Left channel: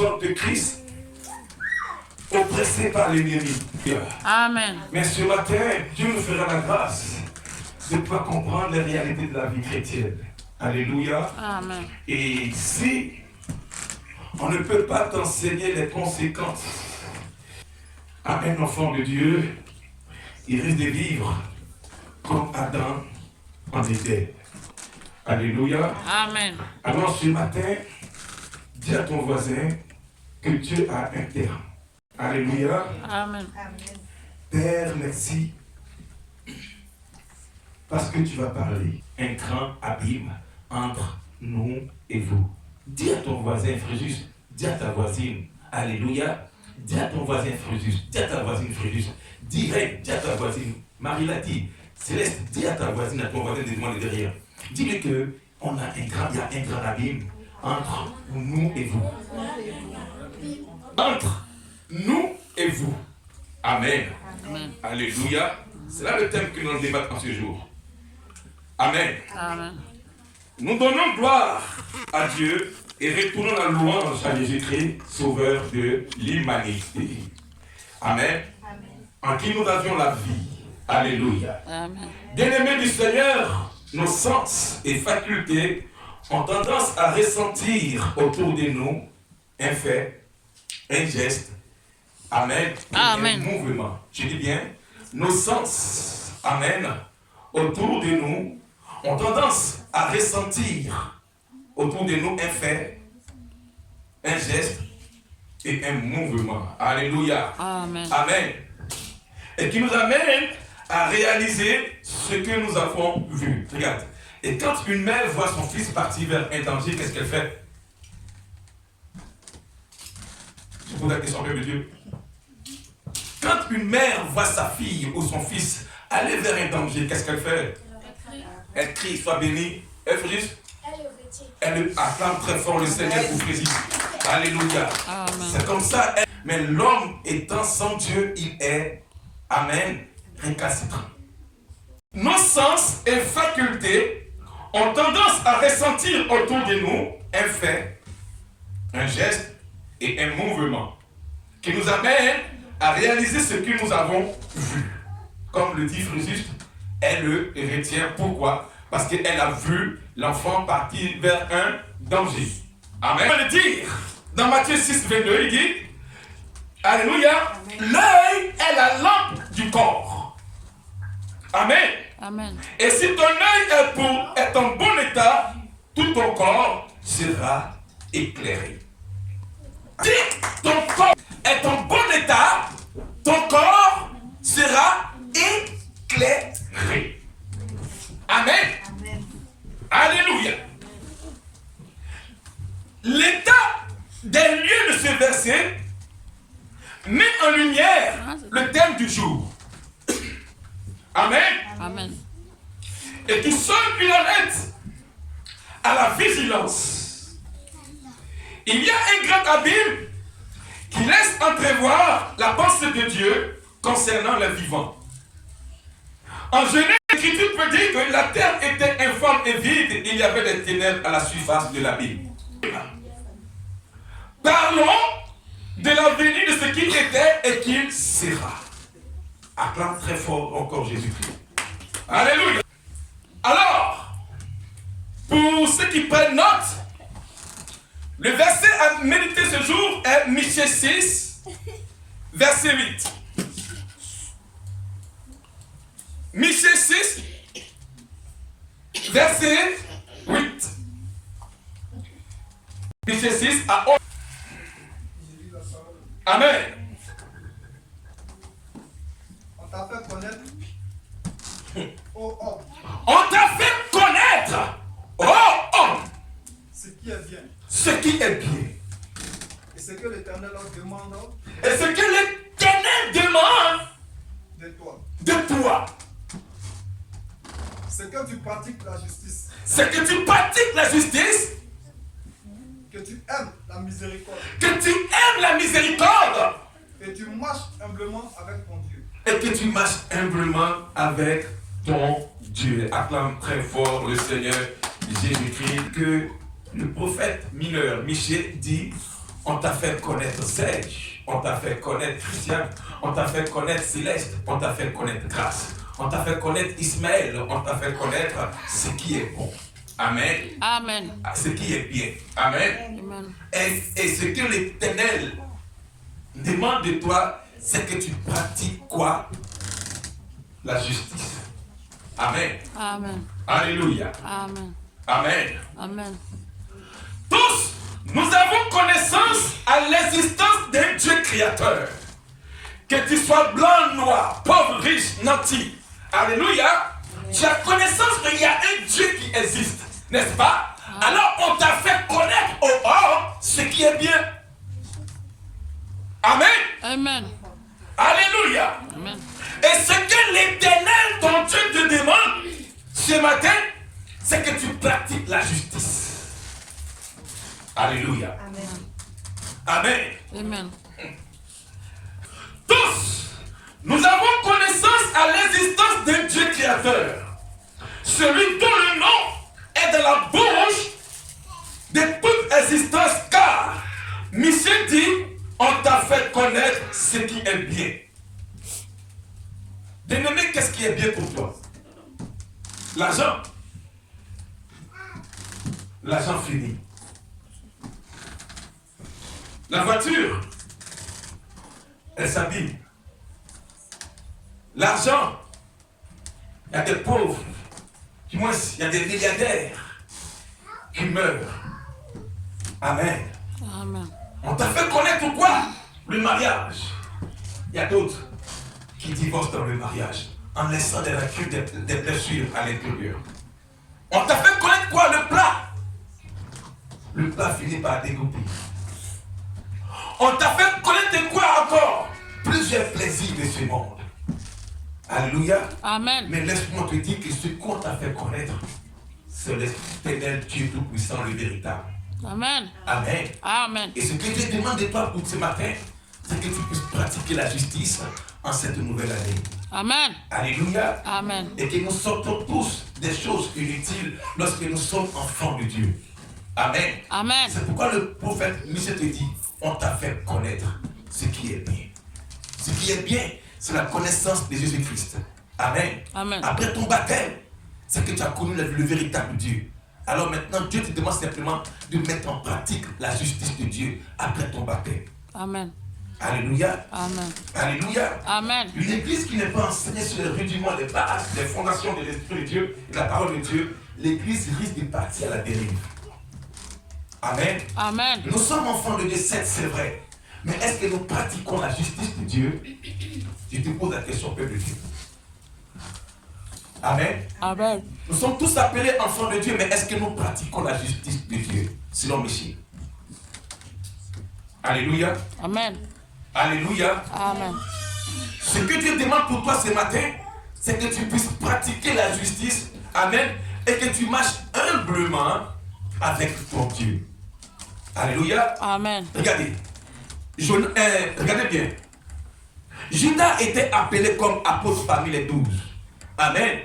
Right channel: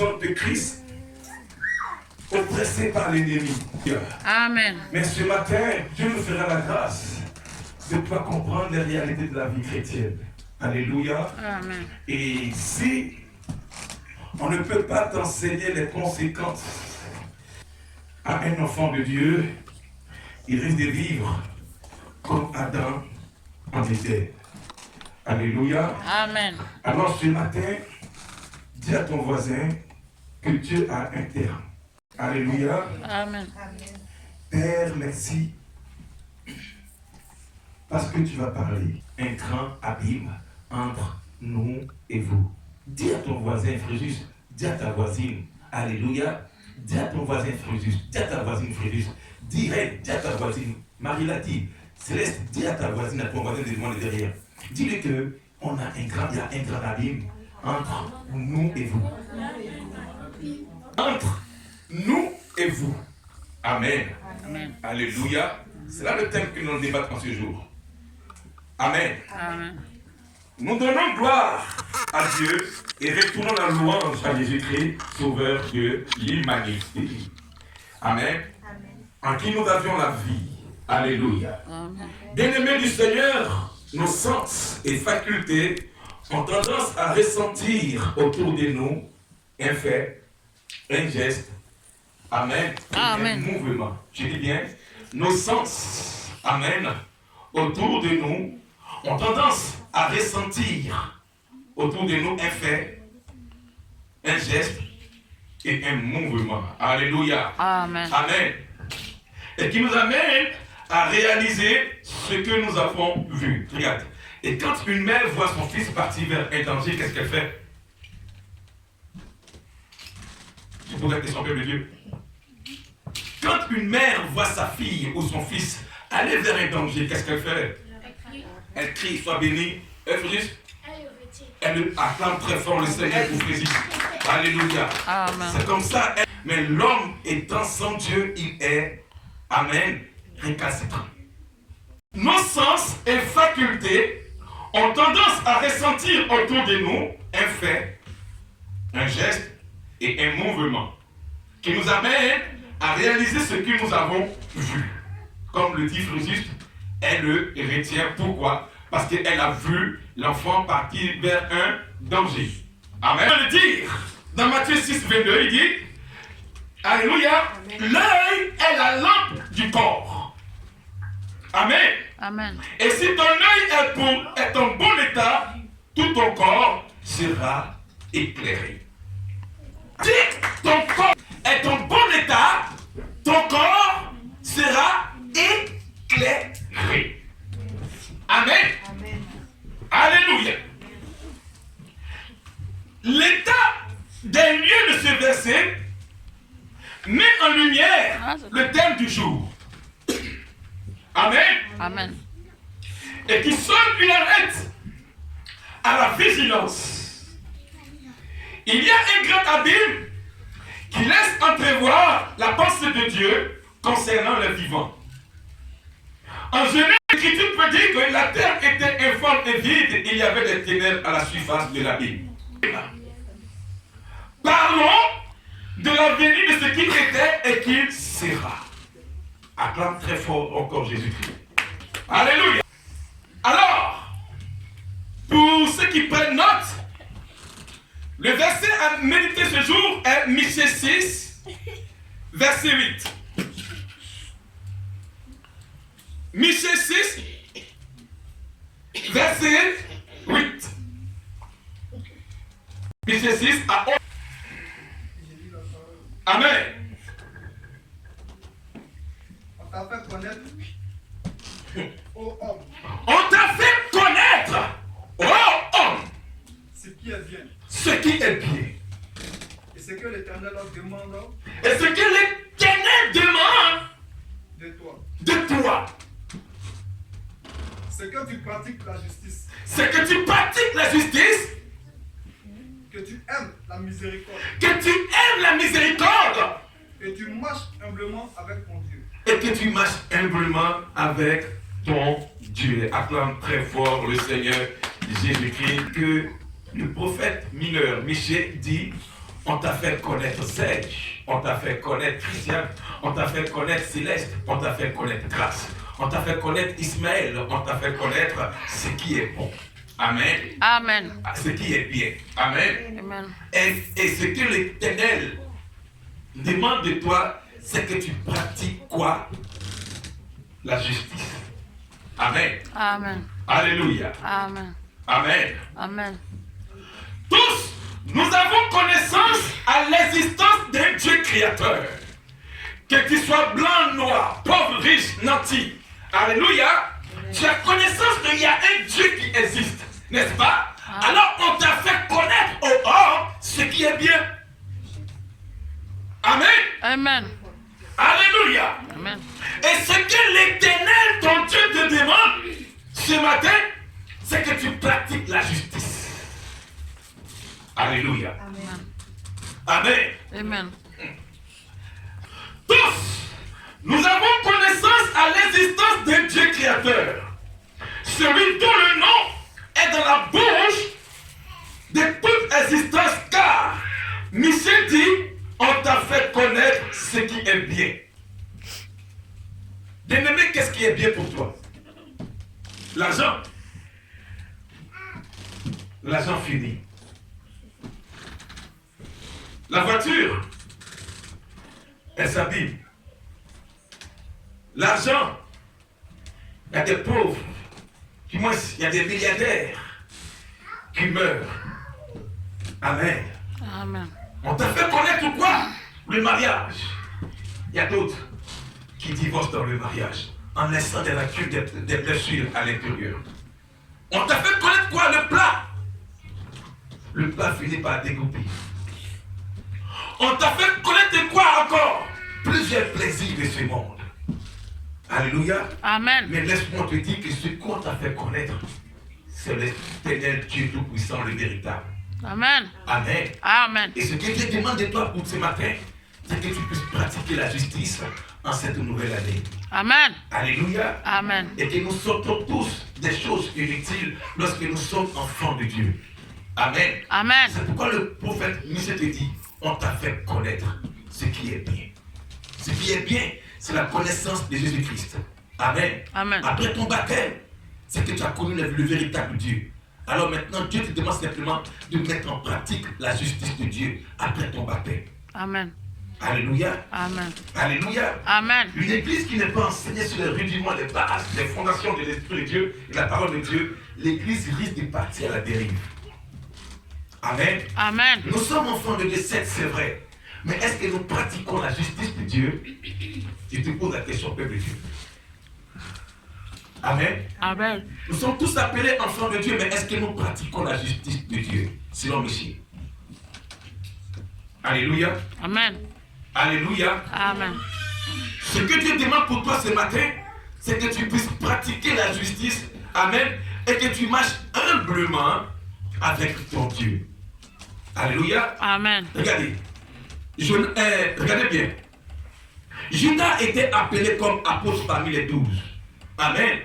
sont de Christ, oppressés par l'ennemi. Amen. Mais ce matin, Dieu nous fera la grâce de pouvoir comprendre les réalités de la vie chrétienne. Alléluia. Amen. Et si on ne peut pas t'enseigner les conséquences à un enfant de Dieu, il risque de vivre comme Adam en était. Alléluia. Amen. Alors ce matin, dis à ton voisin que Dieu a un terme. Alléluia. Amen. Père, merci. Parce que tu vas parler. Un grand abîme entre nous et vous. Dis à ton voisin, Fréjus. Dis à ta voisine. Alléluia. Dis à ton voisin, Fréjus. Dis à ta voisine, Fréjus. Dis à ta voisine. Marie l'a dit. Céleste, dis à ta voisine, à ton voisin devant et derrière. Dis-lui que il y a un grand abîme entre nous et vous. Entre nous et vous. Amen. Amen. Alléluia. C'est là le thème que nous allons débattre en ce jour. Amen. Amen. Nous donnons gloire à Dieu et retournons la louange à Jésus-Christ, sauveur de l'humanité. Amen. En qui nous avions la vie. Alléluia. Amen. Bien-aimés du Seigneur, nos sens et facultés ont tendance à ressentir autour de nous un fait, un geste, amen, Amen. un mouvement. Je dis bien, nos sens, amen, autour de nous ont tendance à ressentir autour de nous un fait, un geste et un mouvement. Alléluia. Amen. Amen. Et qui nous amène à réaliser ce que nous avons vu. Regarde. Et quand une mère voit son fils partir vers un danger, qu'est-ce qu'elle fait? Je pose la question, peuple de Dieu. Quand une mère voit sa fille ou son fils aller vers un danger, qu'est-ce qu'elle fait? Elle crie, sois béni. Elle fait juste. Elle acclame très fort le Seigneur pour Jésus. Alléluia. Amen. C'est comme ça. Mais l'homme étant sans Dieu, il est, amen, récalcitrant. Nos sens et facultés ont tendance à ressentir autour de nous un fait, un geste et un mouvement qui nous amène à réaliser ce que nous avons vu. Comme le dit Fréjus, elle le retient. Pourquoi? Parce qu'elle a vu l'enfant partir vers un danger. Amen. On va le dire dans Matthieu 6, 22, il dit, alléluia, l'œil est la lampe du corps. Amen. Amen. Et si ton œil est en bon état, tout ton corps sera éclairé. Si ton corps est en bon état, ton corps sera éclairé. Amen. Amen. Alléluia. L'état des lieux de ce verset met en lumière le thème du jour. Amen. Amen. Et qui sonne une alerte à la vigilance. Il y a un grand abîme qui laisse entrevoir la pensée de Dieu concernant les vivants. En Genèse, l'Écriture peut dire que la terre était informe et vide, il y avait des ténèbres à la surface de l'abîme. Parlons de l'avenir de ce qu'il était et qu'il sera. Acclame très fort encore Jésus-Christ. Alléluia. Alors, pour ceux qui prennent note, le verset à méditer ce jour est Michée 6, verset 8. Michée 6, verset 8. Michée 6 à 11. Amen. On t'a fait connaître, ô homme, On t'a fait connaître, oh homme, ce qui est bien. ce qui est bien. Et ce que l'Éternel demande Et ce que l'Éternel demande de toi. de toi, C'est que tu pratiques la justice, c'est que tu pratiques la justice, que tu aimes la miséricorde que tu aimes la miséricorde et tu marches humblement avec ton Dieu. et que tu marches humblement avec ton Dieu. Acclame très fort le Seigneur Jésus-Christ que le prophète mineur Michée dit On t'a fait connaître Serge, on t'a fait connaître Christian, on t'a fait connaître Céleste, on t'a fait connaître Grâce, on t'a fait connaître Ismaël, on t'a fait connaître ce qui est bon. Amen. Amen. Ce qui est bien. Amen. Amen. Et ce que l'Éternel demande de toi, c'est que tu pratiques quoi? La justice. Amen. Amen. Alléluia. Amen. Amen. Amen. Tous, nous avons connaissance à l'existence d'un Dieu créateur. Que tu sois blanc, noir, pauvre, riche, nanti. Alléluia. Tu as connaissance qu'il y a un Dieu qui existe, n'est-ce pas? Alors on t'a fait connaître au hors ce qui est bien. Amen. Amen. Alléluia. Amen. Et ce que l'Éternel, ton Dieu, te demande ce matin, c'est que tu pratiques la justice. Alléluia. Amen. Amen. Tous, nous avons connaissance à l'existence d'un Dieu créateur. Celui dont le nom est dans la bouche de toute existence, car Michel dit, on t'a fait connaître ce qui est bien. Bien-aimé, qu'est-ce qui est bien pour toi? L'argent. L'argent fini. La voiture, elle s'abîme. L'argent, il y a des pauvres, du moins il y a des milliardaires qui meurent. Amen. Amen. On t'a fait connaître quoi? Le mariage. Il y a d'autres qui divorcent dans le mariage en laissant des blessures à l'intérieur. On t'a fait connaître quoi? Le plat. Le plat finit par découper. On t'a fait connaître quoi encore? Plusieurs plaisirs de ce monde. Alléluia. Amen. Mais laisse-moi te dire que ce qu'on t'a fait connaître, c'est l'Éternel Dieu Tout-Puissant, le véritable. Amen. Amen. Amen. Et ce que Dieu demande de toi pour ce matin, c'est que tu puisses pratiquer la justice en cette nouvelle année. Amen. Alléluia. Amen. Et que nous sortons tous des choses inutiles lorsque nous sommes enfants de Dieu. Amen. Amen. C'est pourquoi le prophète Michel te dit, on t'a fait connaître ce qui est bien. Ce qui est bien, c'est la connaissance de Jésus-Christ. Amen. Amen. Après ton baptême, c'est que tu as connu le véritable Dieu. Alors maintenant, Dieu te demande simplement de mettre en pratique la justice de Dieu après ton baptême. Amen. Alléluia. Amen. Alléluia. Amen. Une église qui n'est pas enseignée sur le rudiment des bases, des fondations de l'Esprit de Dieu et de la parole de Dieu, l'église risque de partir à la dérive. Amen. Amen. Nous sommes enfants de Dieu, c'est vrai. Mais est-ce que nous pratiquons la justice de Dieu? Je te pose la question, peuple de Dieu. Amen. Amen. Nous sommes tous appelés enfants de Dieu, mais est-ce que nous pratiquons la justice de Dieu, selon Michel? Alléluia. Amen. Alléluia. Amen. Ce que Dieu demande pour toi ce matin, c'est que tu puisses pratiquer la justice. Amen. Et que tu marches humblement avec ton Dieu. Alléluia. Amen. Regardez. Regardez bien. Judas était appelé comme apôtre parmi les 12. Amen.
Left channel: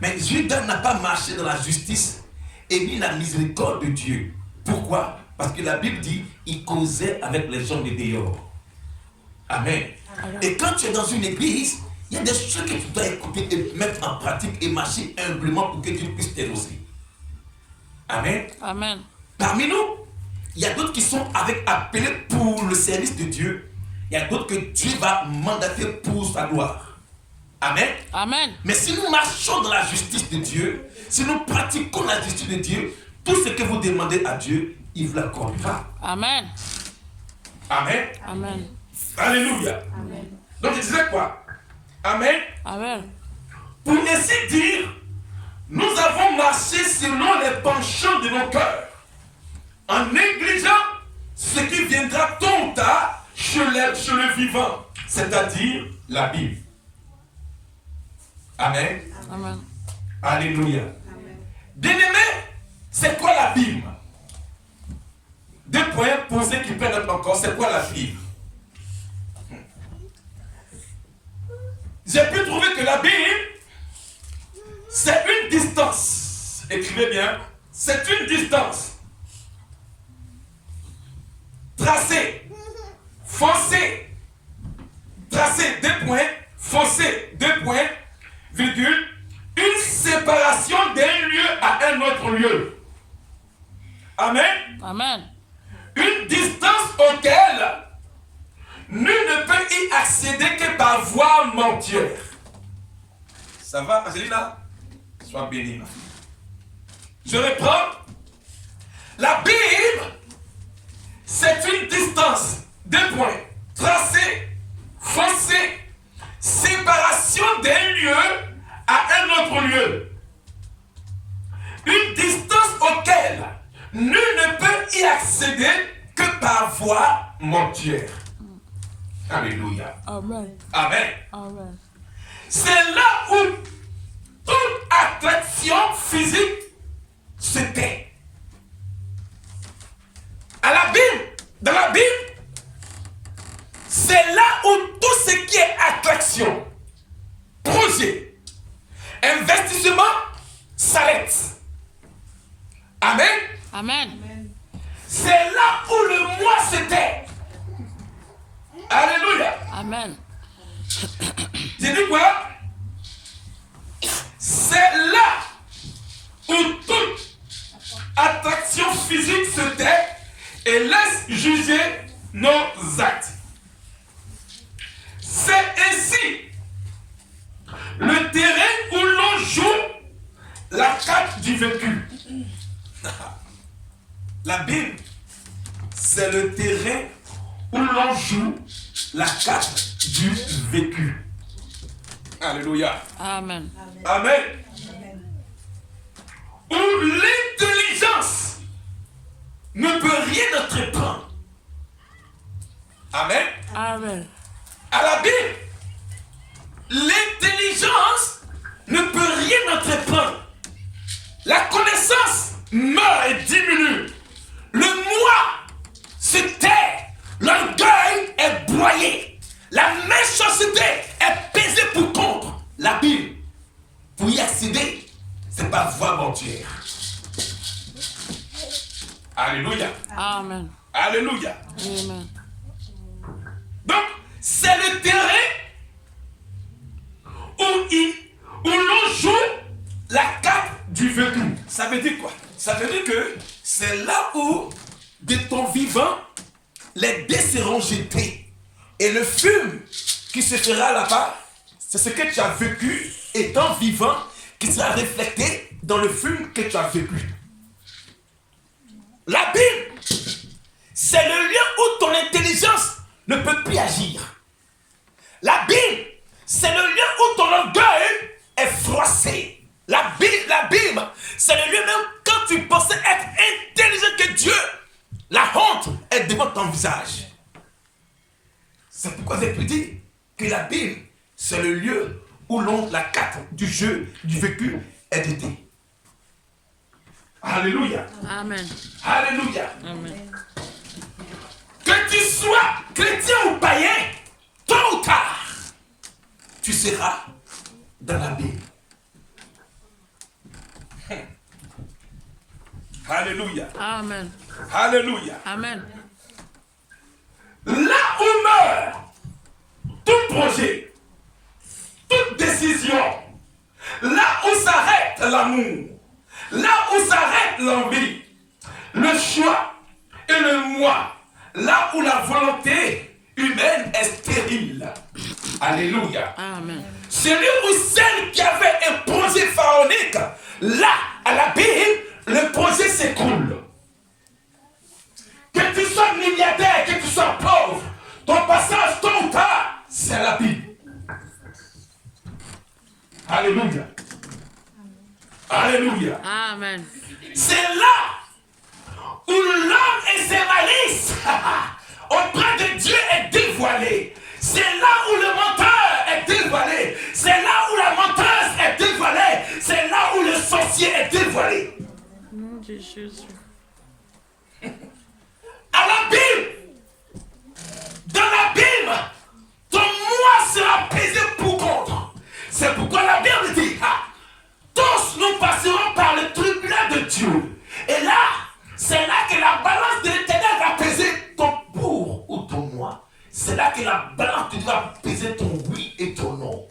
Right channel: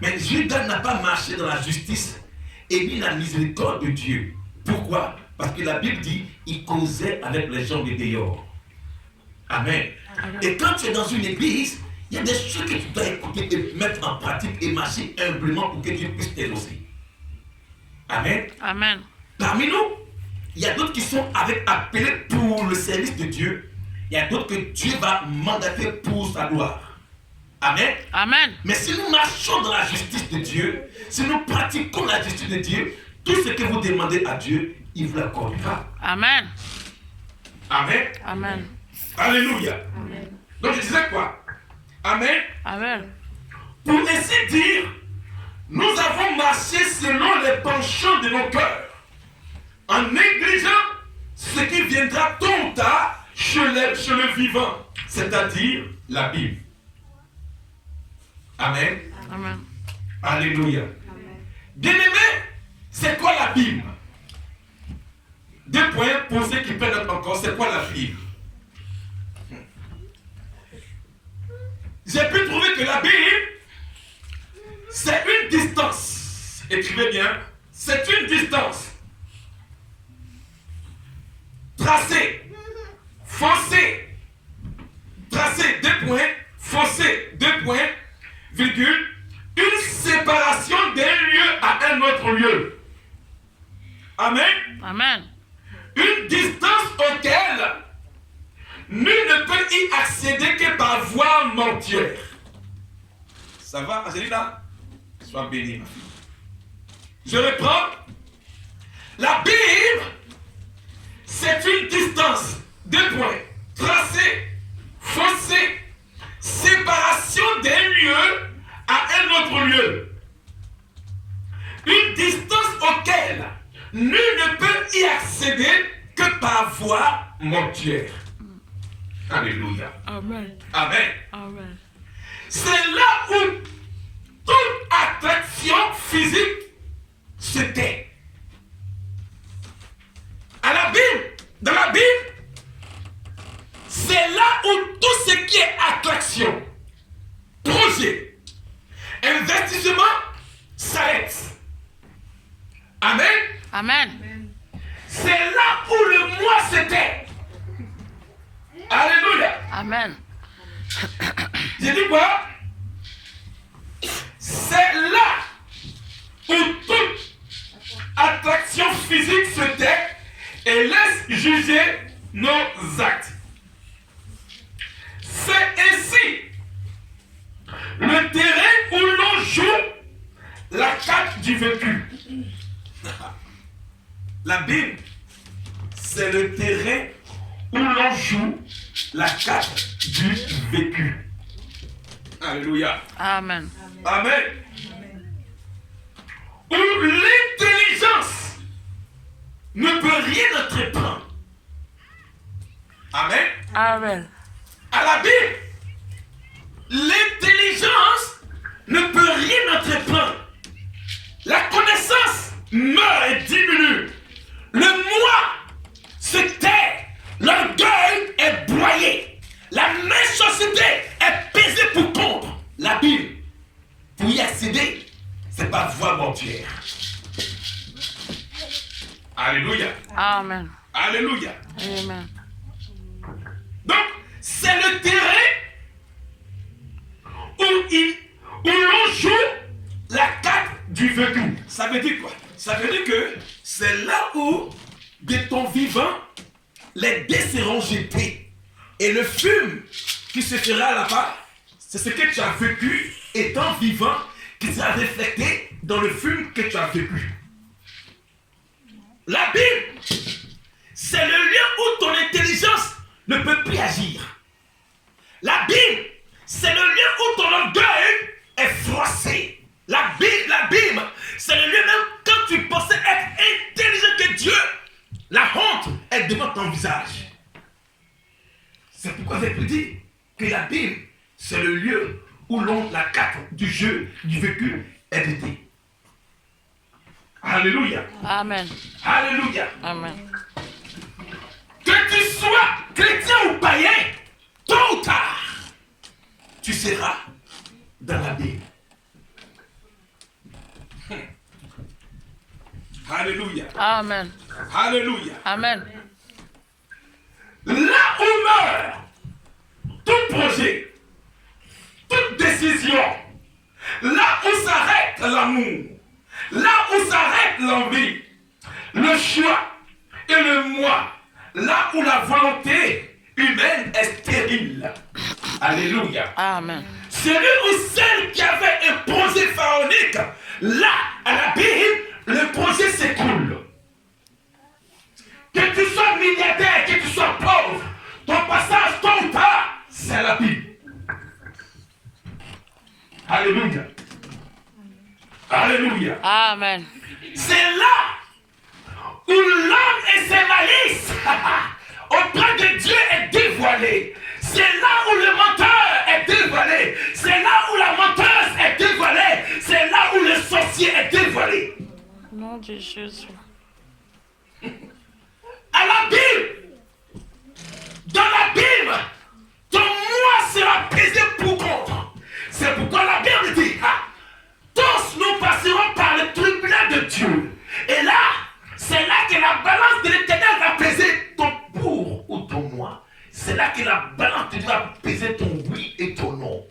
Mais Judas n'a pas marché dans la justice et mis la miséricorde de Dieu. Pourquoi? Parce que la Bible dit il causait avec les gens de dehors. Amen. Et quand tu es dans une église, il y a des choses que tu dois écouter et mettre en pratique et marcher humblement pour que Dieu puisse t'aider aussi. Amen. Amen. Parmi nous, il y a d'autres qui sont appelés pour le service de Dieu. Il y a d'autres que Dieu va mandater pour sa gloire. Amen. Amen. Mais si nous marchons dans la justice de Dieu, si nous pratiquons la justice de Dieu, tout ce que vous demandez à Dieu, il vous l'accordera. Amen. Amen. Amen. Alléluia. Amen. Donc je disais quoi? Amen. Amen. Pour ainsi dire, nous avons marché selon les penchants de nos cœurs, en négligeant ce qui viendra tôt ou tard chez le vivant, c'est-à-dire la Bible. Amen. Amen. Alléluia. Bien-aimé, c'est quoi la Bible? Deux points posés qui prennent notre encore, c'est quoi la Bible? J'ai pu trouver que la Bible, c'est une distance. Écrivez bien, c'est une distance tracé, foncé, tracé, 2 points, foncé, 2 points, virgule, une séparation d'un lieu à un autre lieu. Amen. Amen. Une distance auquel nul ne peut y accéder que par voie mortuaire. Ça va, Angelina? Sois bénie, ma fille. Je reprends. La Bible, c'est une distance, 2 points, tracé, foncé, séparation d'un lieu à un autre lieu. Une distance auquel nul ne peut y accéder que par voie mortuaire. Alléluia. Amen. Amen. Amen. C'est là où toute attraction physique se tait. À la Bible, dans la Bible, c'est là où tout ce qui est attraction, projet, investissement s'arrête. Amen. Amen. C'est là où le moi se tait. Alléluia. Amen. J'ai dit quoi? C'est là où toute attraction physique se tait et laisse juger nos actes. C'est ainsi le terrain où l'on joue la carte du vécu. La Bible, c'est le terrain où l'on joue la carte du vécu. Alléluia. Amen. Amen. Où l'intelligence ne peut rien entreprendre. Amen. Amen. À la Bible, l'intelligence ne peut rien entreprendre. La connaissance meurt et diminue. Le moi se tait. L'orgueil est broyé. La méchanceté est pesée pour contre. La Bible, pour y accéder, c'est par voie mortuaire. Alléluia. Amen. Alléluia. Amen. Donc, c'est le terrain où l'on joue la carte du vécu. Ça veut dire quoi? Ça veut dire que c'est là où, de ton vivant, les dés seront jetés. Et le fume qui se fera là-bas, c'est ce que tu as vécu étant vivant qui sera reflété dans le fume que tu as vécu. La Bible, c'est le lieu où ton intelligence ne peut plus agir. La Bible, c'est le lieu où ton orgueil est froissé. La Bible, c'est le lieu même quand tu pensais être intelligent que Dieu, la honte est devant ton visage. C'est pourquoi j'ai pu dire que la Bible, c'est le lieu où la carte du jeu, du vécu est dédiée. Alléluia. Amen. Alléluia. Amen. Que tu sois chrétien ou païen, tôt ou tard, tu seras dans la Bible. Alléluia. Amen. Alléluia. Amen. Là où meurt tout projet, toute décision, là où s'arrête l'amour, là où s'arrête l'envie, le choix et le moi, là où la volonté humaine est stérile. Alléluia. Amen. Celui ou celle qui avait un projet pharaonique, là, à la Bible, le projet s'écoule. Que tu sois milliardaire, que tu sois pauvre, ton passage tôt ou tard, c'est la Bible. Alléluia. Alléluia. Amen. C'est là où l'homme et ses malices auprès de Dieu est dévoilé. C'est là où le menteur est dévoilé. C'est là où la menteuse est dévoilée. C'est là où le sorcier est dévoilé. Nom de Jésus. À la Bible, dans la Bible, ton moi sera pesé pour contre. C'est pourquoi la Bible dit, tous nous passerons par le tribunal de Dieu. Et là, c'est là que la balance de l'Éternel va peser ton c'est là que la balance va peser ton oui et ton non.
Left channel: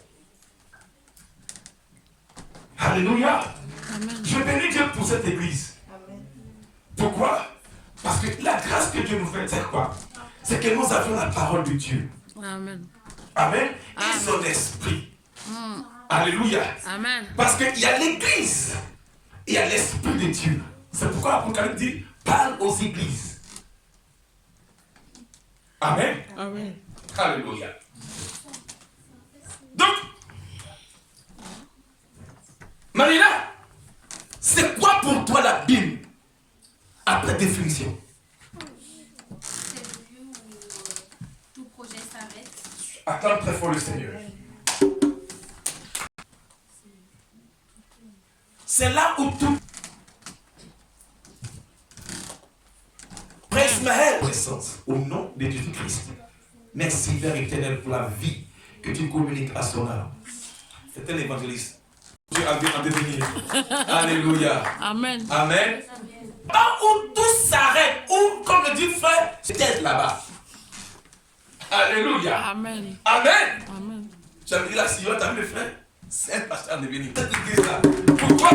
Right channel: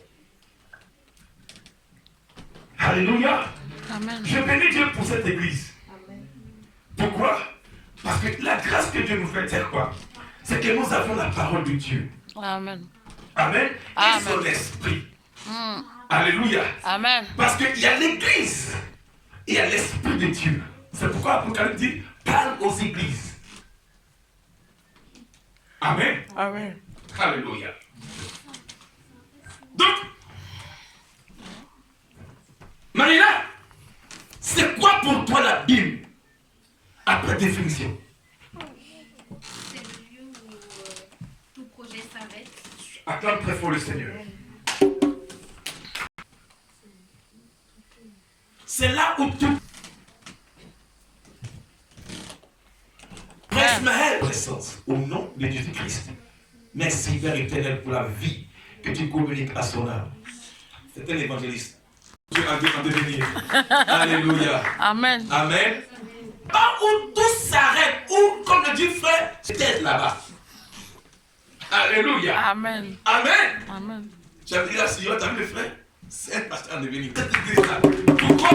Alléluia. Amen. Je bénis Dieu pour cette église. Pourquoi? Parce que la grâce que Dieu nous fait, c'est quoi? C'est que nous avons la parole de Dieu. Amen. Amen. Et Amen. son esprit. Alléluia. Amen. Parce qu'il y a l'église et il y a l'esprit de Dieu. C'est pourquoi l'Apocalypse dit parle aux églises. Amen. Amen. Alléluia. Donc, Marina, c'est quoi pour toi la Bible après définition? C'est le lieu où tout projet s'arrête. Acclame très fort le Seigneur. C'est là où tout Prince Maël, au nom de Jésus-Christ. Merci, Père éternel, pour la vie que tu communiques à son âme. C'était l'évangéliste. Dieu a en devenir. Alléluia. Amen. Amen. Pas où tout s'arrête, où, comme le dit frère, c'était là-bas. Alléluia. Amen. Amen. Amen. Tu as dit là, Seigneur, tu as vu le frère? C'est un pasteur en devenir. Cette église-là. Pourquoi?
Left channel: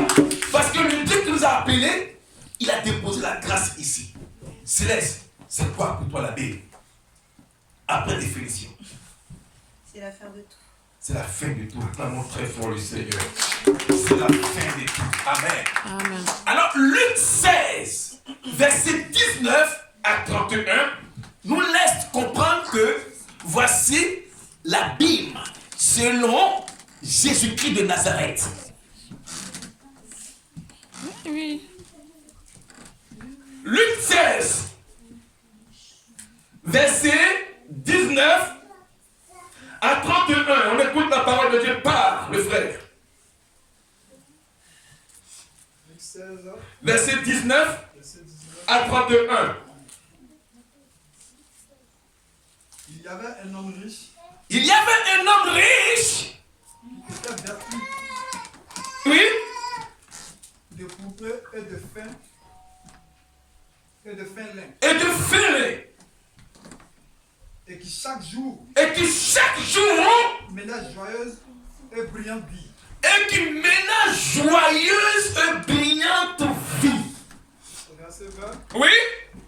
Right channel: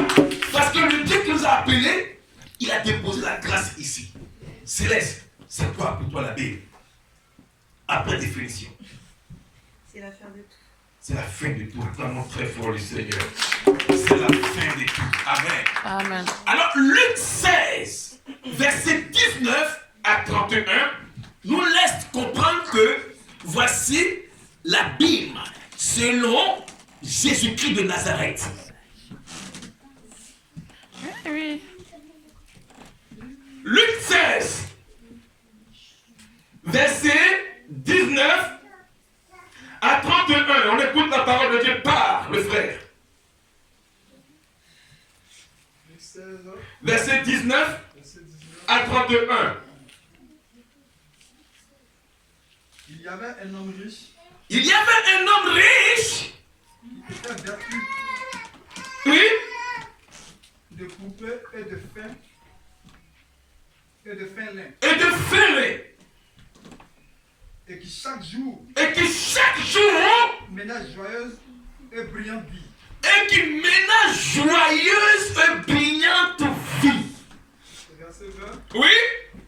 Parce que le Dieu qui nous a appelés, il a déposé la grâce ici. Céleste, c'est quoi pour toi la Bible? Après définition. C'est la fin de tout. C'est la fin de tout. Vraiment très fort le Seigneur. C'est la fin de tout. Amen. Amen. Alors, Luc 16, verset 19 à 31, nous laisse comprendre que voici la Bible selon Jésus-Christ de Nazareth. Oui. Luc 16, verset 19 à 31. On écoute la parole de Dieu par le frère. Luc 16, Verset 19 verset 19. à 31. Il y avait un homme riche Il y avait un homme riche, qui était vêtu oui, de poupées et de fin lin, et de ferré, et qui chaque jour et qui chaque jour, menait joyeuse et brillante vie. et qui mena joyeuse et brillante vie. Verset 20. Oui,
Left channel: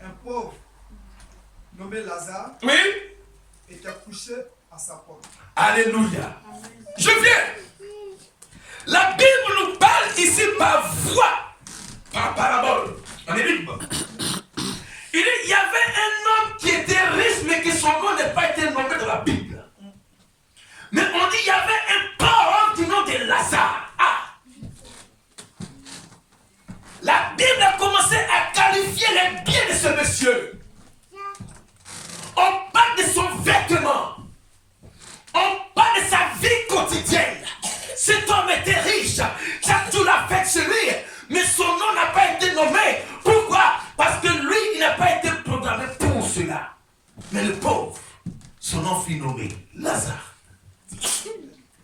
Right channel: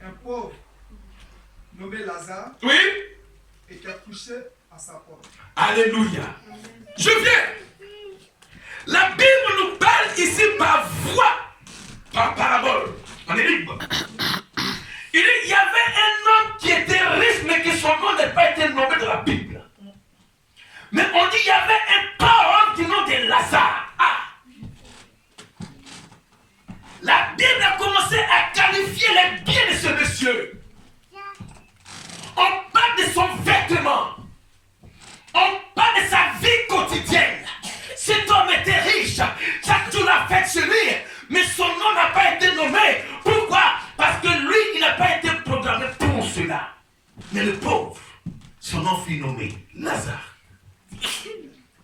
Un pauvre nommé Lazare oui, était couché à sa porte. alléluia. Je viens. La Bible nous parle ici par voie, par parabole, en énigme. Il y avait un homme qui était riche, mais que son nom n'a pas été nommé dans la Bible. Mais on dit qu'il y avait un pauvre du nom de Lazare. Ah. La Bible a commencé à qualifier les biens de ce monsieur. On parle de son vêtement. On parle de sa vie quotidienne. Cet homme était riche. Chaque jour la fête chez lui. Mais son nom n'a pas été nommé. Pourquoi? Parce que lui, il n'a pas été programmé pour cela. Mais le pauvre, son nom fut nommé Lazare.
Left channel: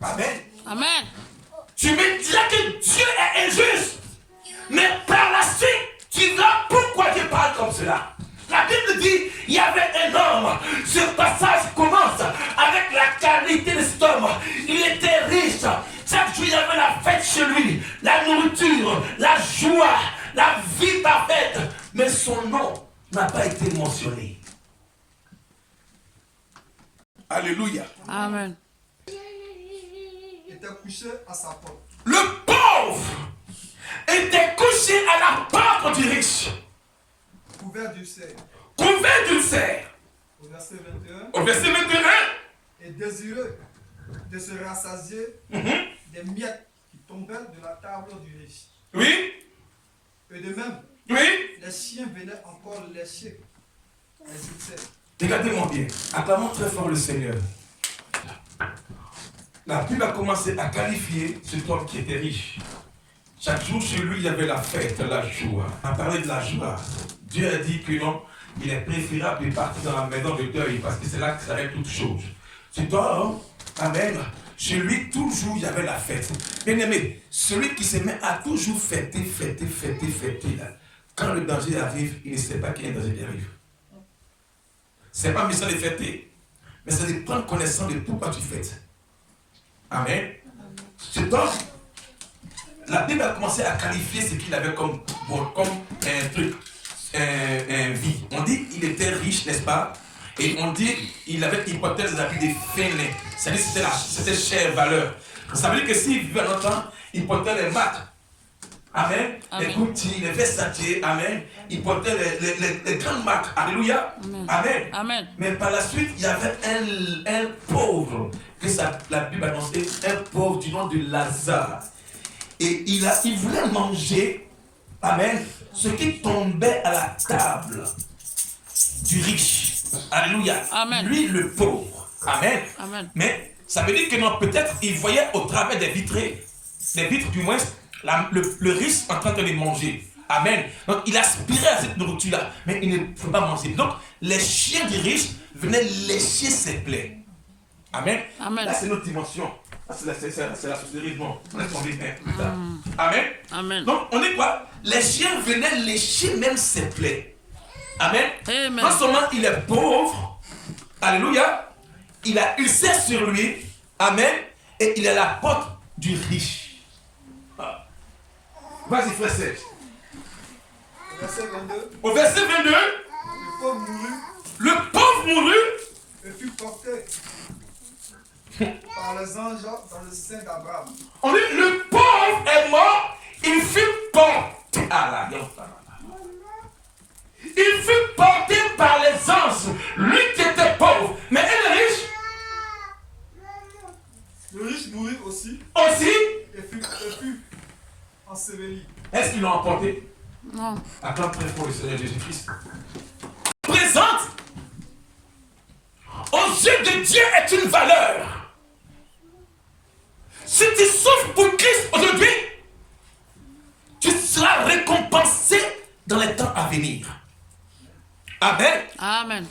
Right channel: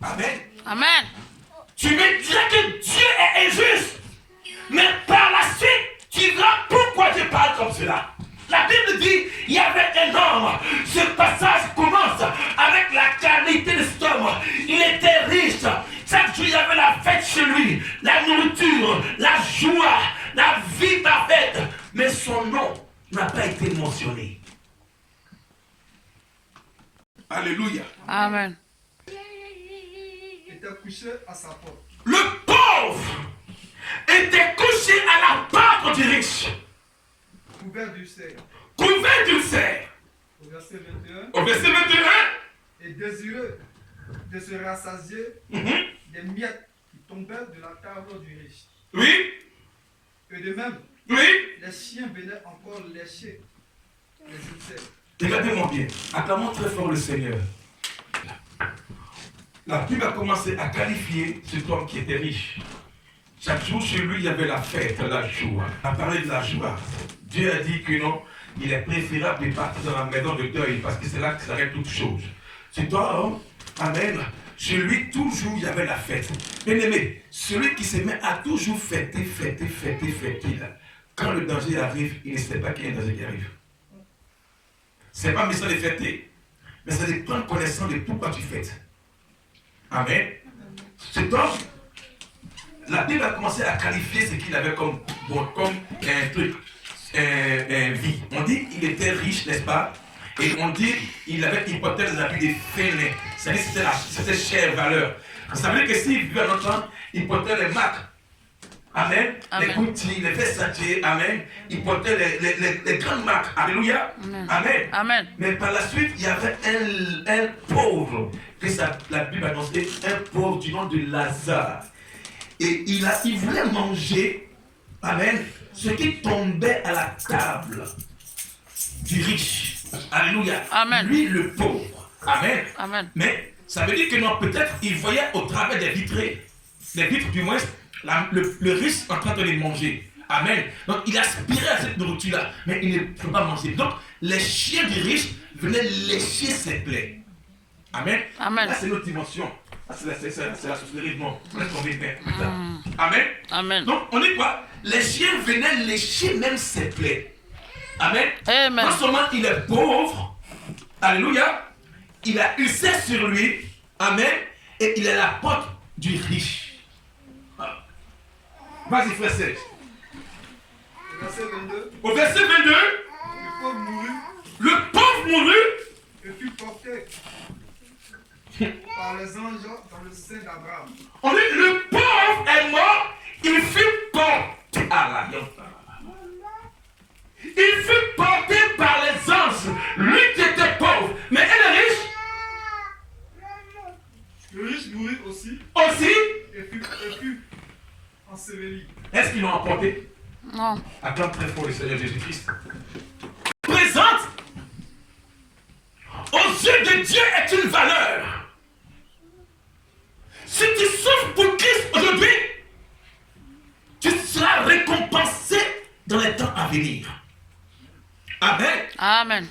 Amen. Amen. Tu me diras que Dieu est injuste. Mais par la suite, tu verras pourquoi je parle comme cela. La Bible dit, il y avait un homme. Ce passage commence avec la qualité de cet homme. Il était riche. Chaque jour, il y avait la fête chez lui. La nourriture, la joie, la vie parfaite. Mais son nom n'a pas été mentionné. Alléluia. Amen. Était couché à sa porte. Le pauvre était couché à la porte du riche, Couvert d'ulcères. couvert d'ulcères. Au verset 21. Au verset 21, Et désireux de se rassasier des miettes qui tombaient de la table du riche. oui, Et de même, oui. les chiens venaient encore lécher les ulcères. Regardez-moi bien, acclamons très fort le Seigneur. La Bible a commencé à qualifier cet homme qui était riche. Chaque jour chez lui, il y avait la fête, la joie. On a parlé de la joie. Dieu a dit que non, il est préférable de partir dans la maison de deuil parce que c'est là que s'arrête toute chose. C'est toi, hein? Amen. Chez lui, toujours, il y avait la fête. Bien aimé, celui qui se met à toujours fêter, là. Quand le danger arrive, il ne sait pas qu'il y a un danger qui arrive. C'est pas méchant de fêter. mais c'est de prendre connaissance de pourquoi tu fais. Amen. C'est donc, la Bible a commencé à qualifier ce qu'il avait comme un truc, une vie. On dit qu'il était riche, n'est-ce pas? Et on dit qu'il avait hypothèse des habits des fainéants. C'est-à-dire que c'était chère valeur. Ça veut dire que s'il vivait longtemps, il portait les marques. Amen. Amen. Les Gucci, les Versace, Amen. Il portait les grandes marques. Alléluia. Amen. Amen. Amen. Mais par la suite, il y avait un pauvre, que la Bible a annoncé, un pauvre du nom de Lazare. Et il voulait manger, Amen, ce qui tombait à la table du riche. Alléluia. Amen. Lui, le pauvre. Amen. Amen. Mais ça veut dire que non, peut-être il voyait au travers des vitres du moins, le riche en train de les manger. Amen. Donc il aspirait à cette nourriture-là, mais il ne pouvait pas manger. Donc les chiens du riche venaient lécher ses plaies. Amen. Amen. Là, c'est notre dimension. Là, c'est la sorcellerie du monde. On laisse tomber plus tard. Amen. Amen. Donc on dit quoi? Les chiens venaient lécher même ses plaies. Amen. Amen. Non seulement il est pauvre, alléluia, il a usé sur lui, amen, et il est la porte du riche. Ah. Vas-y, frère Serge. Verset 22. Au verset 22, Le pauvre mourut le pauvre mourut et fut porté par les anges dans le sein d'Abraham. On dit le pauvre est mort, il fut porté à la viande. Il fut porté par les anges, lui qui était pauvre, mais elle est riche. Le riche mourut aussi Aussi, et fut enseveli. est-ce qu'ils l'ont emporté? Non. Acclame très fort le Seigneur Jésus-Christ. Présente aux yeux de Dieu est une valeur. Si tu souffres pour Christ aujourd'hui, tu seras récompensé dans les temps à venir. Amen. Amen.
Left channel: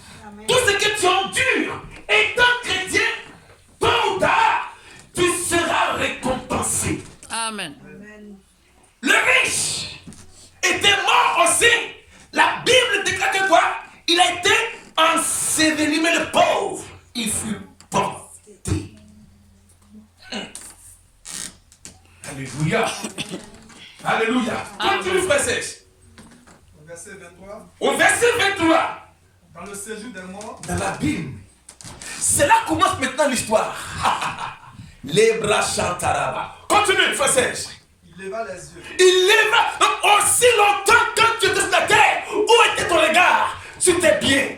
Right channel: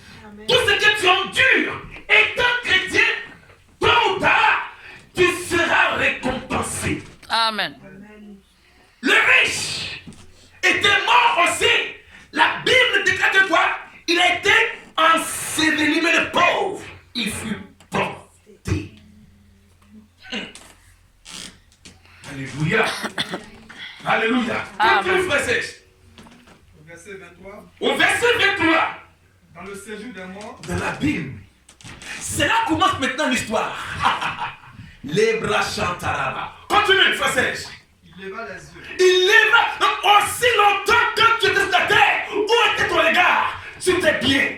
Tout ce que tu endures, étant chrétien, tôt ou tard, tu seras récompensé. Amen. Le riche était mort aussi. La Bible déclare que quoi? Il a été enseveli, mais le pauvre, il fut porté. Alléluia. Alléluia. Continue, frère Serge. Au verset 23. Au verset 23, Dans le séjour des morts, dans la Bible, c'est là commence maintenant l'histoire. Les bras chantaraba. Continue, frère Serge. il leva les yeux. Il lèva aussi longtemps quand tu étais sur la terre. Où était ton regard? Tu t'es bien.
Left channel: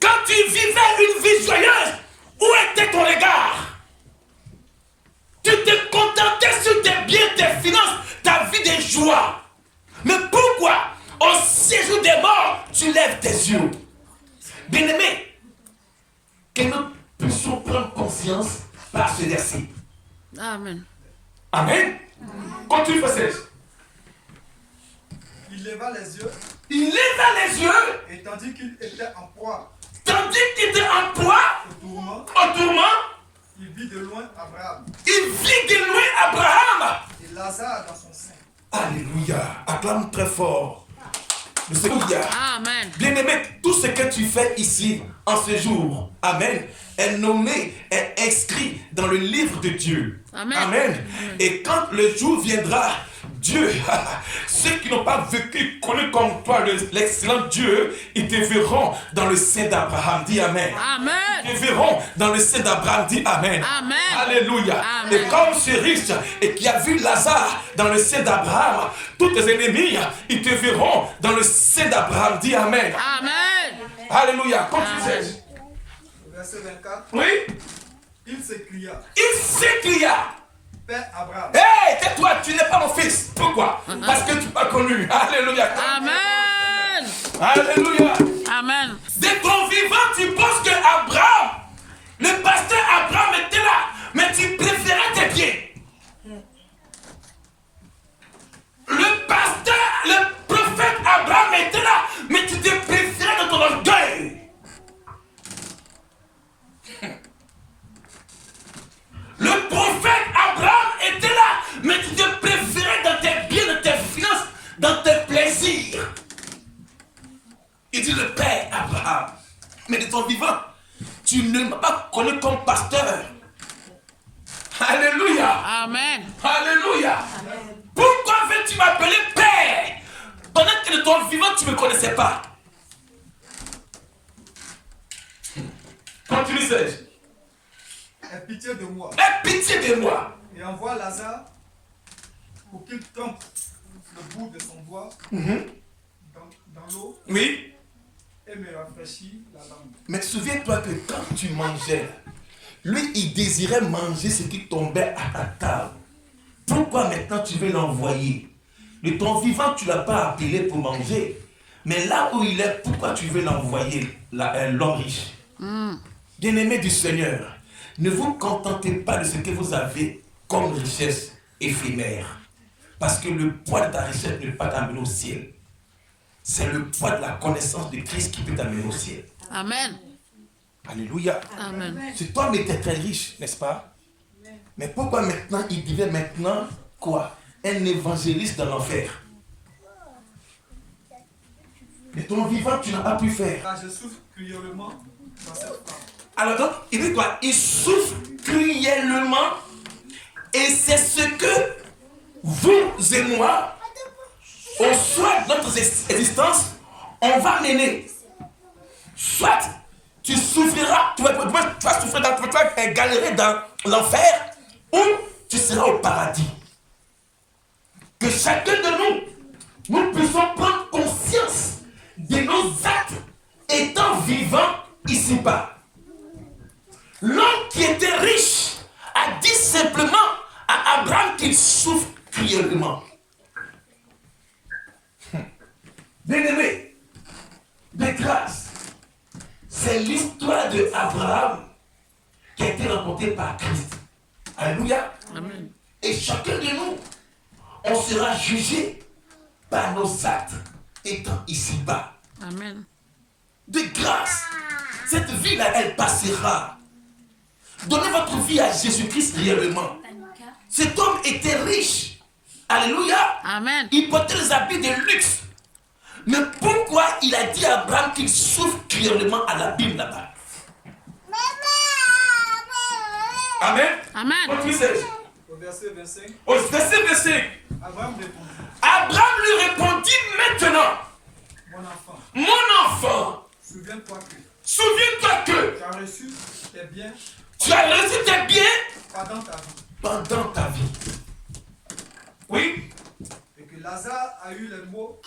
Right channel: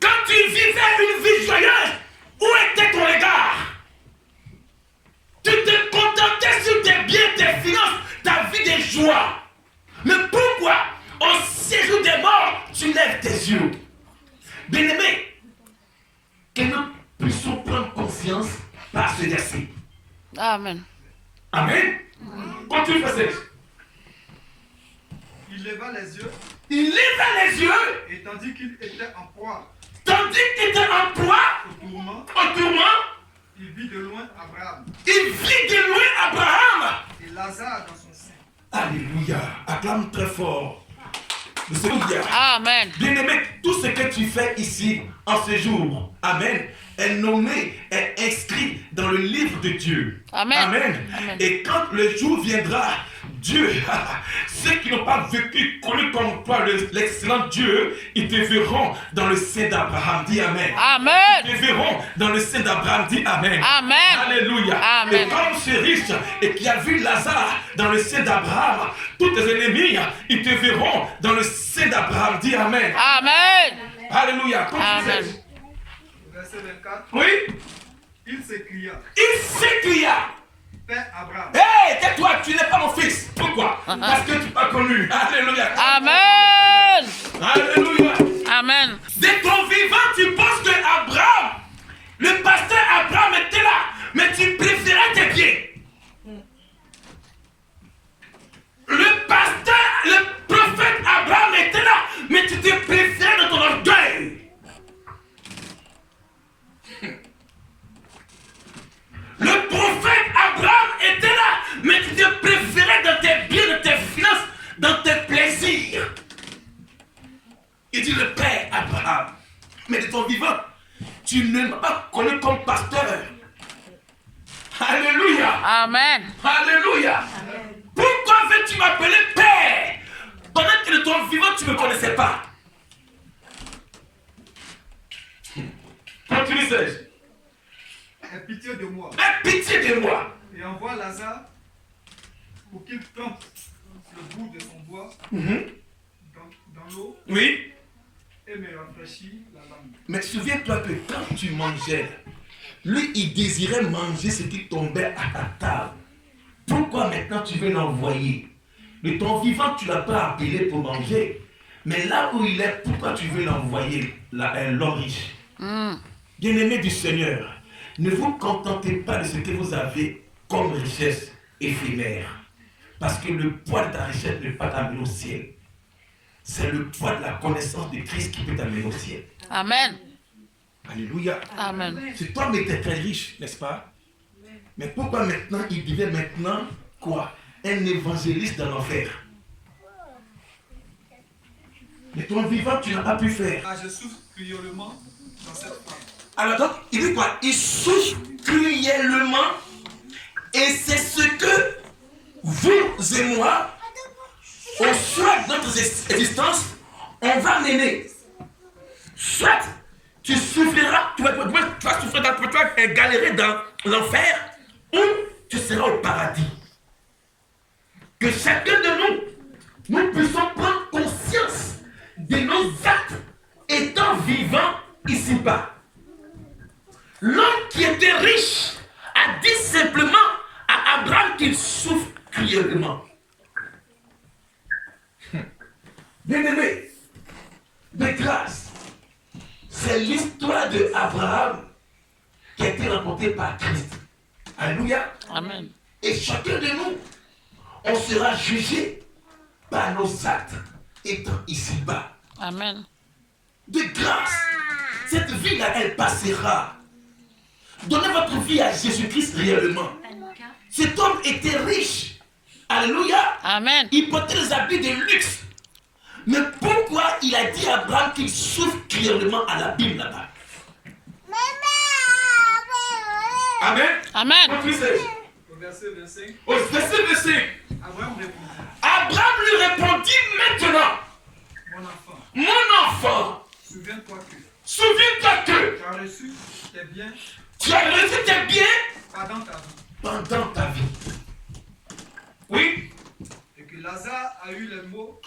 Quand tu vivais une vie joyeuse, où était ton regard? Tu te contentais sur tes biens, tes finances, ta vie de joie. Mais pourquoi, au séjour des morts, tu lèves tes yeux? Bien-aimé, que nous puissions prendre confiance par ce verset. Amen. Amen. Continue, frère Serge. Il leva les yeux Il leva les yeux, et tandis qu'il était en proie tandis qu'il était en proie, au tourment, au tourment, il vit de loin Abraham il vit de loin Abraham. et Lazare dans son sein. Alléluia. Acclame très fort. Alléluia. Amen. Bien-aimé, tout ce que tu fais ici, en ce jour, Amen, est nommé, est inscrit dans le livre de Dieu. Amen. Amen. Amen. Et quand le jour viendra, Dieu, ceux qui n'ont pas vécu, connu comme toi l'excellent Dieu, ils te verront dans le sein d'Abraham. Dis Amen. Amen. Ils te verront dans le sein d'Abraham. Dis Amen. Amen. Alléluia. Amen. Et comme ce riche et qui a vu Lazare dans le sein d'Abraham, tous tes ennemis, ils te verront dans le sein d'Abraham. Dis Amen. Amen. Alléluia. Quand tu Amen. sais. Verset 24. Oui. Il s'écria, Il s'écria. Père Abraham, Hé, tais-toi, tu n'es pas mon fils. Pourquoi? Parce que tu m'as connu. Alléluia. Amen. Alléluia. Amen. De ton vivant, tu penses que Abraham, le pasteur Abraham était là, mais tu préférais tes pieds. Le pasteur, le prophète Abraham était là, mais tu te préférais dans ton orgueil. Le prophète Abraham était là, mais tu te préférais dans tes biens, dans tes finances, dans tes plaisirs. Il dit le Père Mais de ton vivant, tu ne m'as pas connu comme pasteur. Alléluia. Amen. Alléluia. Pourquoi veux-tu m'appeler Père pendant que de ton vivant, tu ne me connaissais pas? Continue, Serge. Aie pitié de moi. Aie pitié de moi. Et envoie Lazare pour qu'il trempe le bout de son doigt dans l'eau Oui. et me rafraîchit la langue. Mais souviens-toi que quand tu mangeais, lui, il désirait manger ce qui tombait à ta table. Pourquoi maintenant tu veux l'envoyer? De ton vivant, tu ne l'as pas appelé pour manger. Mais là où il est, pourquoi tu veux l'envoyer, l'homme riche? Bien-aimé du Seigneur, ne vous contentez pas de ce que vous avez comme richesse éphémère. Parce que le poids de ta richesse ne peut pas t'amener au ciel. C'est le poids de la connaissance de Christ qui peut t'amener au ciel. Amen. Alléluia. Amen. Cet homme était très riche, n'est-ce pas? Mais pourquoi maintenant il devient maintenant quoi? Un évangéliste de l'enfer. Mais ton vivant, tu n'as pas pu faire. Car je souffre cruellement dans cette femme. Alors donc, il dit quoi? Il souffre cruellement. Et c'est ce que vous et moi, au soir de notre existence, on va mener. Soit tu souffriras, tu vas souffrir, tu vas galérer dans l'enfer, ou tu seras au paradis. Que chacun de nous puissions prendre conscience de nos actes étant vivants ici-bas. L'homme qui était riche a dit simplement à Abraham qu'il souffre cruellement. Bien-aimé, de grâce, c'est l'histoire d'Abraham qui a été rencontrée par Christ. Alléluia. Amen. Et chacun de nous, on sera jugé par nos actes étant ici-bas. Amen. De grâce, cette vie-là, elle passera. Donnez votre vie à Jésus-Christ réellement. Cet homme était riche. Alléluia. Amen. Il portait les habits de luxe. Mais pourquoi il a dit à Abraham qu'il souffre cruellement à la Bible là-bas? Amen. Amen. Au verset 25, Au verset 25, Abraham répondit, Abraham lui répondit maintenant, mon enfant, mon enfant, souviens-toi que que tu as reçu tes biens tu as reçu tes biens pendant ta vie, pendant ta vie. Oui. et que Lazare a eu les mots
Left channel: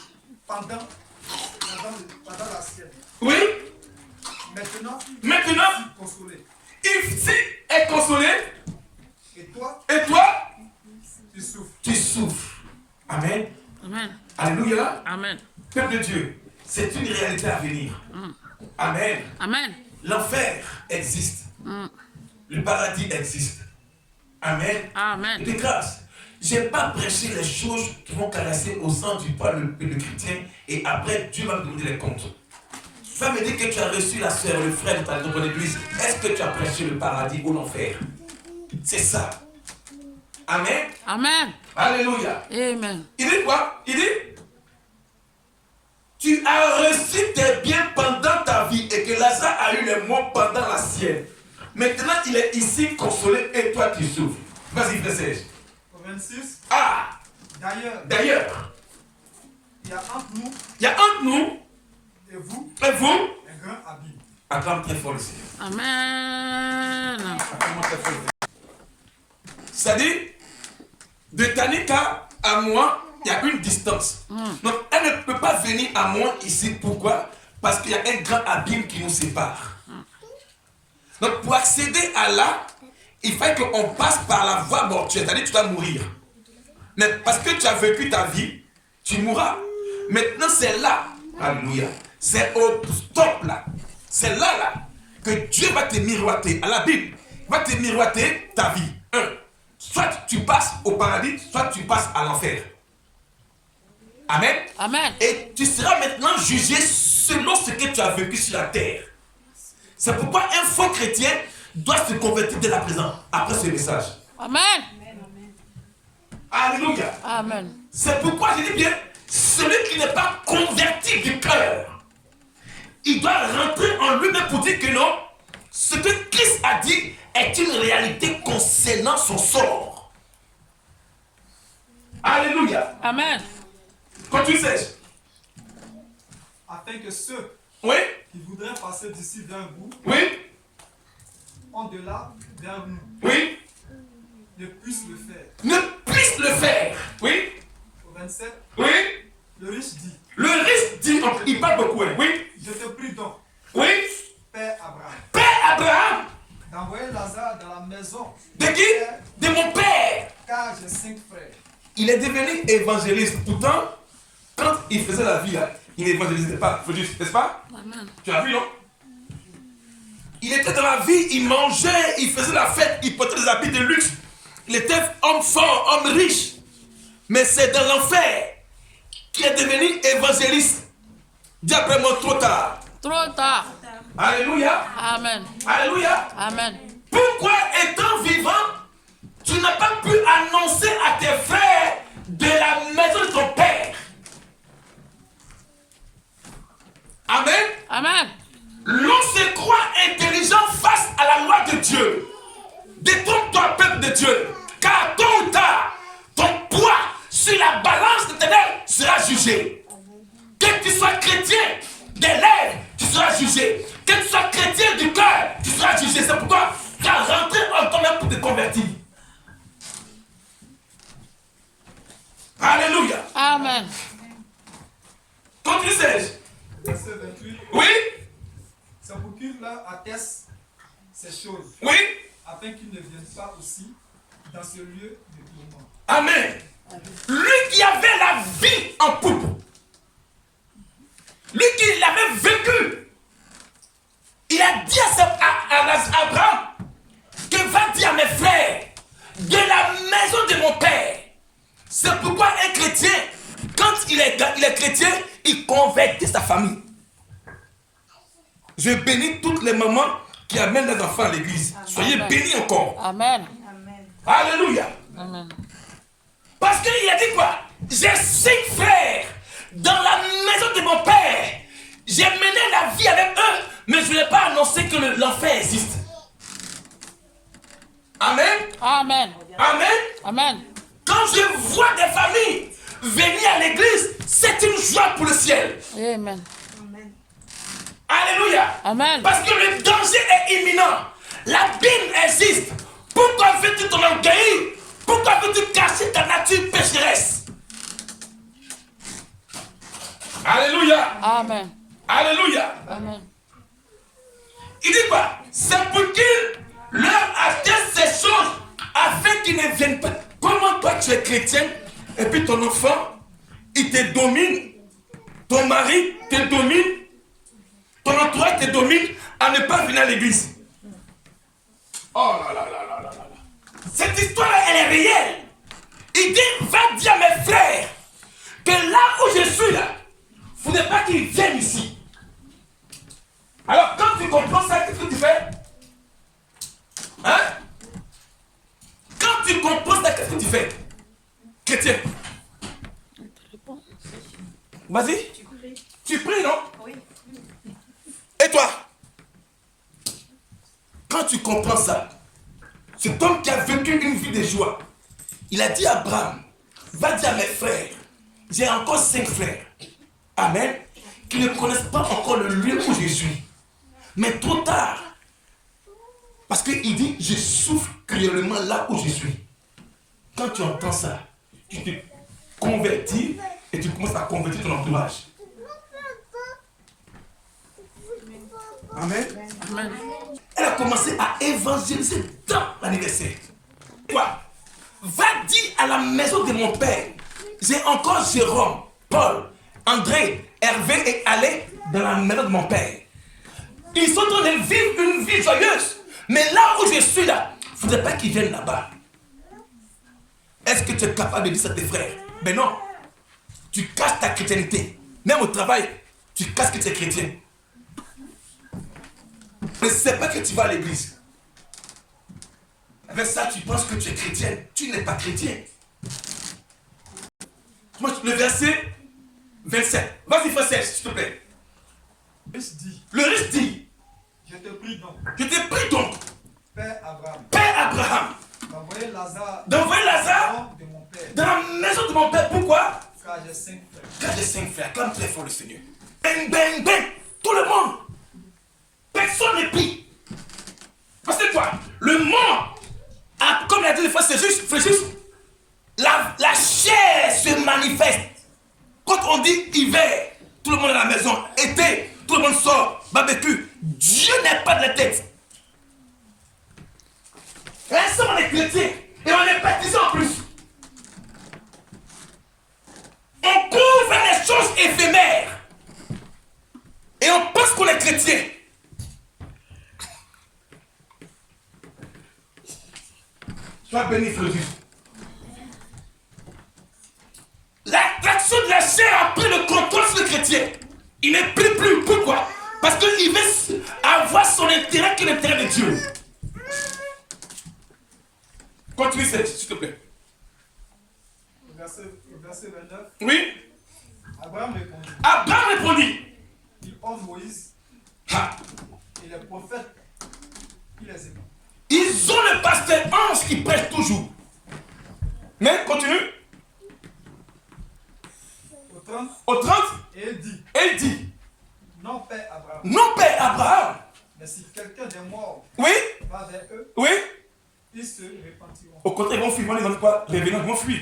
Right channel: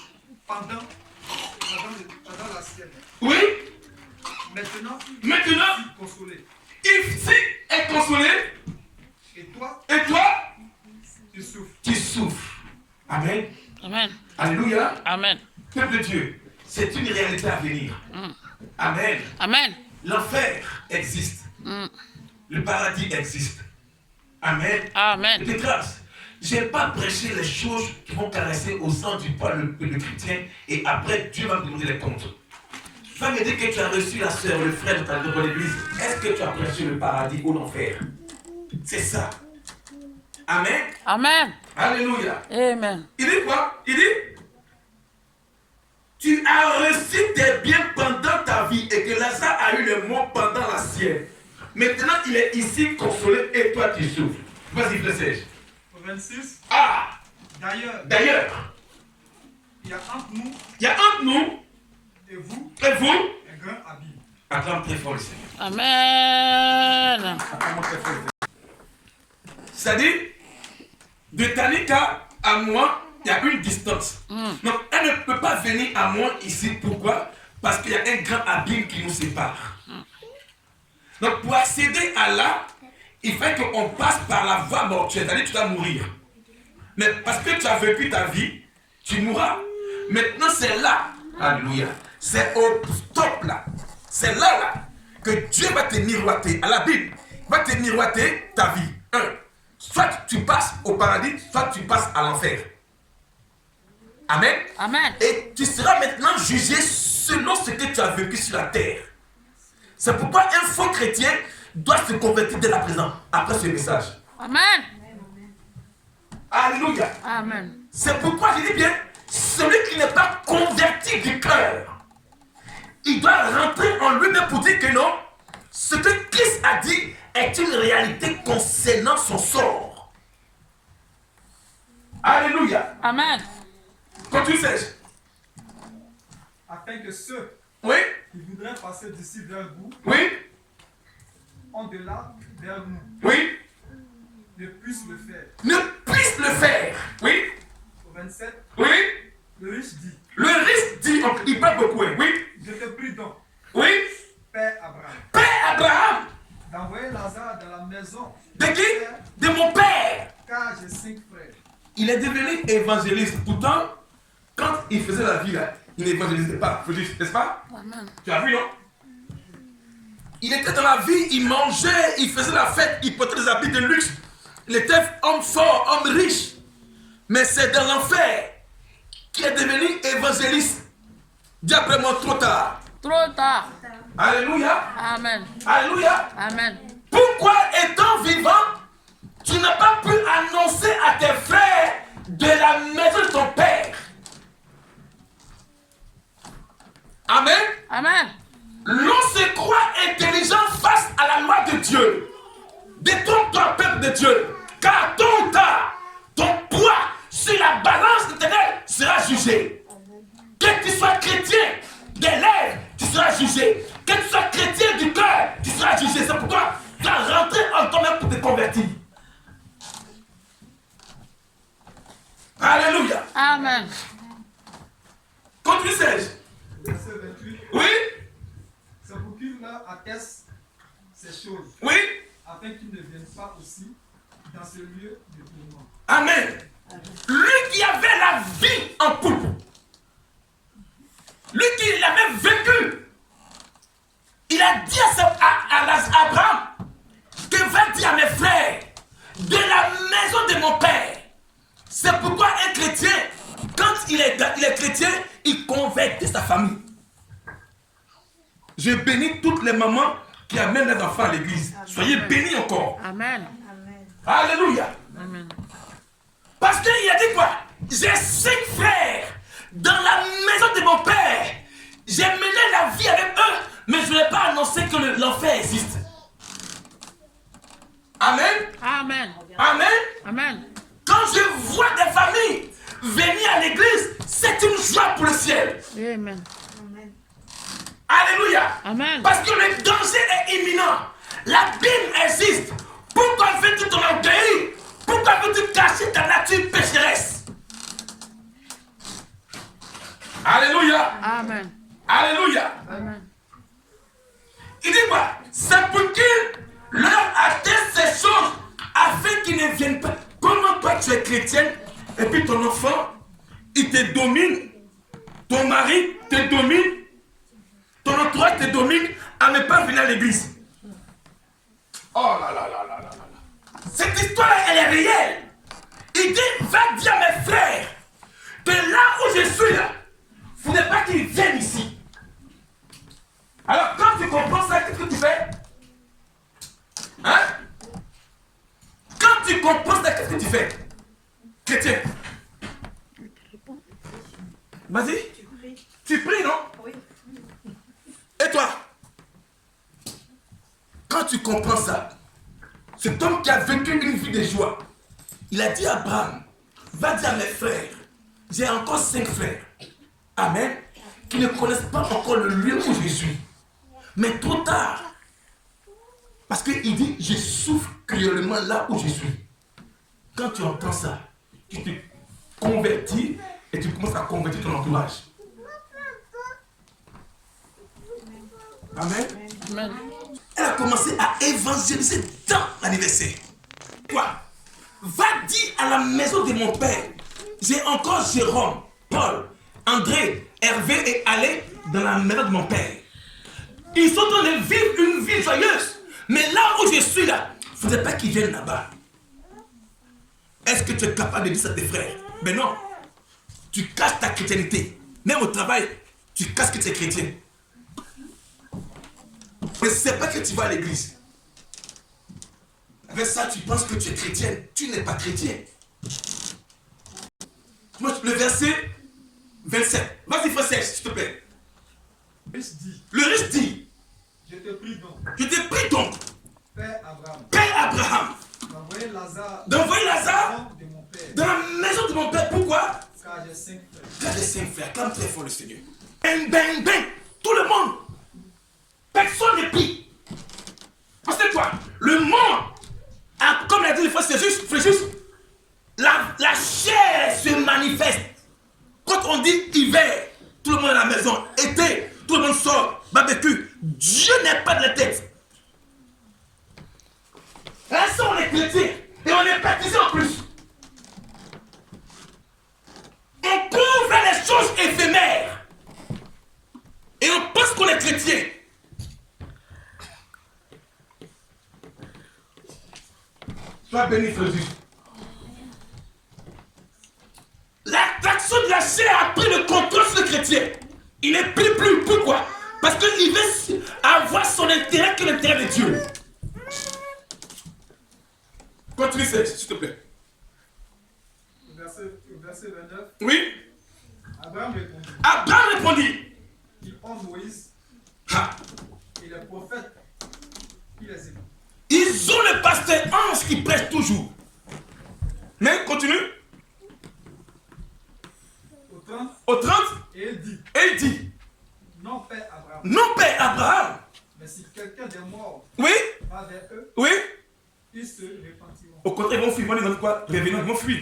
pendant la sienne. Oui. Maintenant, Maintenant, consolé. ici est consolé. Et toi, tu souffres. Tu souffres. Amen. Amen. Alléluia. Amen. Peuple de Dieu, c'est une réalité à venir. Amen. Amen. L'enfer existe. Le paradis existe. Amen. Amen. De grâce, je n'ai pas prêché les choses qui vont caresser au sang du poil le chrétien et après Dieu va me demander les comptes. Tu vas me dire que tu as reçu la soeur, le frère de ton église. Est-ce que tu as prêché le paradis ou l'enfer? C'est ça. Amen. Amen. Alléluia. Amen. Il dit quoi? Il dit, tu as reçu tes biens pendant ta vie et que Lazare a eu les mots pendant la sienne. Maintenant, il est ici consolé et toi tu souffres. Vas-y, frère Serge. Au 26, Ah, d'ailleurs, il y a entre nous et vous et vous, un grand abîme. acclame très fort le Seigneur. Amen. Acclame très fort. C'est-à-dire, de Tanika à moi, il y a une distance. Donc, elle ne peut pas venir à moi ici. Pourquoi? Parce qu'il y a un grand abîme qui nous sépare. Donc, pour accéder à là, il faut qu'on passe par la voie mortuaire. C'est-à-dire, tu dois mourir. Mais parce que tu as vécu ta vie, tu mourras. Maintenant, c'est là. Alléluia. C'est au stop là. C'est là que Dieu va te miroiter. À la Bible, il va te miroiter ta vie. Soit tu passes au paradis, soit tu passes à l'enfer. Amen. Amen. Et tu seras maintenant jugé selon ce que tu as vécu sur la terre. C'est pourquoi un faux chrétien doit se convertir dès la présent, après ce message. Amen. Alléluia. Amen. C'est pourquoi je dis bien, celui qui n'est pas converti du cœur, il doit rentrer en lui-même pour non, ce que Christ a dit est une réalité concernant son sort. Alléluia. Amen. Continue, Serge. Afin que ceux Oui, qui voudraient passer d'ici vers vous, oui, en delà vers nous, oui. ne puissent le faire. Ne puisse le faire. Oui, Au 27, oui. le riche dit, Le risque dit, il parle beaucoup, hein. Oui, je te prie donc, oui. Père Abraham, Père Abraham, d'envoyer Lazare dans la maison de qui? De mon père. car j'ai 5 frères. Il est devenu évangéliste. Pourtant, quand il faisait la vie, là, il n'évangélisait pas. N'est-ce pas? Amen. Tu as vu, non? Il était dans la vie, il mangeait, il faisait la fête, il portait des habits de luxe. Il était homme fort, homme riche. Mais c'est dans l'enfer qu'il est devenu évangéliste. Dis après moi, trop tard. Trop tard. Alléluia. Amen. Alléluia. Amen. Pourquoi, étant vivant, tu n'as pas pu annoncer à tes frères de la maison de ton père? Amen. Amen. L'on se croit intelligent face à la loi de Dieu. Détrompe-toi, peuple de Dieu, car tôt ou tard, ton poids sur la balance éternelle sera jugé. Que tu sois chrétien des lèvres, tu seras jugé. Que tu sois chrétien du cœur, tu seras jugé. C'est pourquoi tu as rentré en toi-même pour te convertir. Alléluia. Amen. Continue, Serge. Verset 28, Oui, c'est pour qu'il leur atteste ces choses, oui. afin qu'ils ne viennent pas aussi dans ce lieu de tourment. Amen. Lui qui avait la vie en poupe, lui qui l'avait vécu, il a dit à Abraham que va dire à mes frères de la maison de mon père. C'est pourquoi un chrétien, quand il est chrétien, il convertit sa famille. Je bénis toutes les mamans qui amènent les enfants à l'église. Soyez bénis encore. Amen. Alléluia. Amen. Parce qu'il a dit quoi? J'ai 5 frères dans la maison de mon père. J'ai mené la vie avec eux, mais je n'ai pas annoncé que l'enfer existe. Amen. Amen. Amen. Amen. Quand je vois des familles venir à l'église, c'est une joie pour le ciel. Amen. Alléluia. Amen. Parce que le danger est imminent. L'abîme existe. Pourquoi veux-tu t'orgueillir? Pourquoi veux-tu cacher ta nature pécheresse? Alléluia. Amen. Alléluia. Amen. Il dit quoi? C'est pour qu'il leur atteste ces choses afin qu'ils ne viennent pas. Comment toi tu es chrétien et puis ton enfant, il te domine, ton mari te domine, ton entourage te domine à ne pas venir à l'église. Oh là là là là là là. Cette histoire-là, elle est réelle. Il dit, va dire à mes frères que là où je suis là, il ne faudrait pas qu'ils viennent ici. Alors quand tu comprends ça, qu'est-ce que tu fais? Hein? Quand tu comprends ça, qu'est-ce que tu fais? Chrétien. Vas-y. Tu pries, non? Oui. Et toi? Quand tu comprends ça, cet homme qui a vécu une vie de joie, il a dit à Abraham, va dire à mes frères, j'ai encore 5 frères, amen, qui ne connaissent pas encore le lieu où je suis. Mais trop tard, parce qu'il dit, je souffre cruellement là où je suis. Quand tu entends ça, tu te convertis et tu commences à convertir ton entourage. Amen. Amen. Elle a commencé à évangéliser dans l'anniversaire. Quoi? Va dire à la maison de mon père, j'ai encore Jérôme, Paul, André, Hervé et Alain dans la maison de mon père. Ils sont en train de vivre une vie joyeuse. Mais là où je suis là, il ne faudrait pas qu'ils viennent là-bas. Est-ce que tu es capable de dire ça à tes frères? Mais non. Tu caches ta chrétienté. Même au travail, tu caches que tu es chrétien. Mais ce n'est pas que tu vas à l'église. Avec ça, tu penses que tu es chrétien. Tu n'es pas chrétien. Moi, le verset 27. Vas-y, frère Serge, s'il te plaît. Le riche dit, Le riche dit, je te prie des 5 frères, acclame très fort le Seigneur. Bang, bang, bang. Tout le monde. Personne n'est pris. Parce que quoi? Le monde, comme l'a dit le frère Fréjus, la chair se manifeste. Quand on dit hiver, tout le monde est à la maison. Été, tout le monde sort. Barbecue. Dieu n'est pas de la tête. Là, on est chrétien. Et on est baptisé en plus. On couvre les choses éphémères. Et on pense qu'on est chrétien. Sois béni, Frédéric. L'attraction de la chair a pris le contrôle sur le chrétien. Il n'est plus. Pourquoi? Parce qu'il veut avoir son intérêt que l'intérêt de Dieu. Continue, s'il te plaît. Verset 29. Oui. Abraham répondit. Il honte Moïse et les prophètes qui les écoutent. Ils ont le pasteur ange qui prêche toujours. Mais continue. Au 30. Et il dit. Non, Père Abraham. Non, Père Abraham. Mais si quelqu'un des morts oui. va vers eux, oui. Ils se repentiront. Au contraire, ils vont fuir. Ils vont quoi? Revenants, ils vont fuir.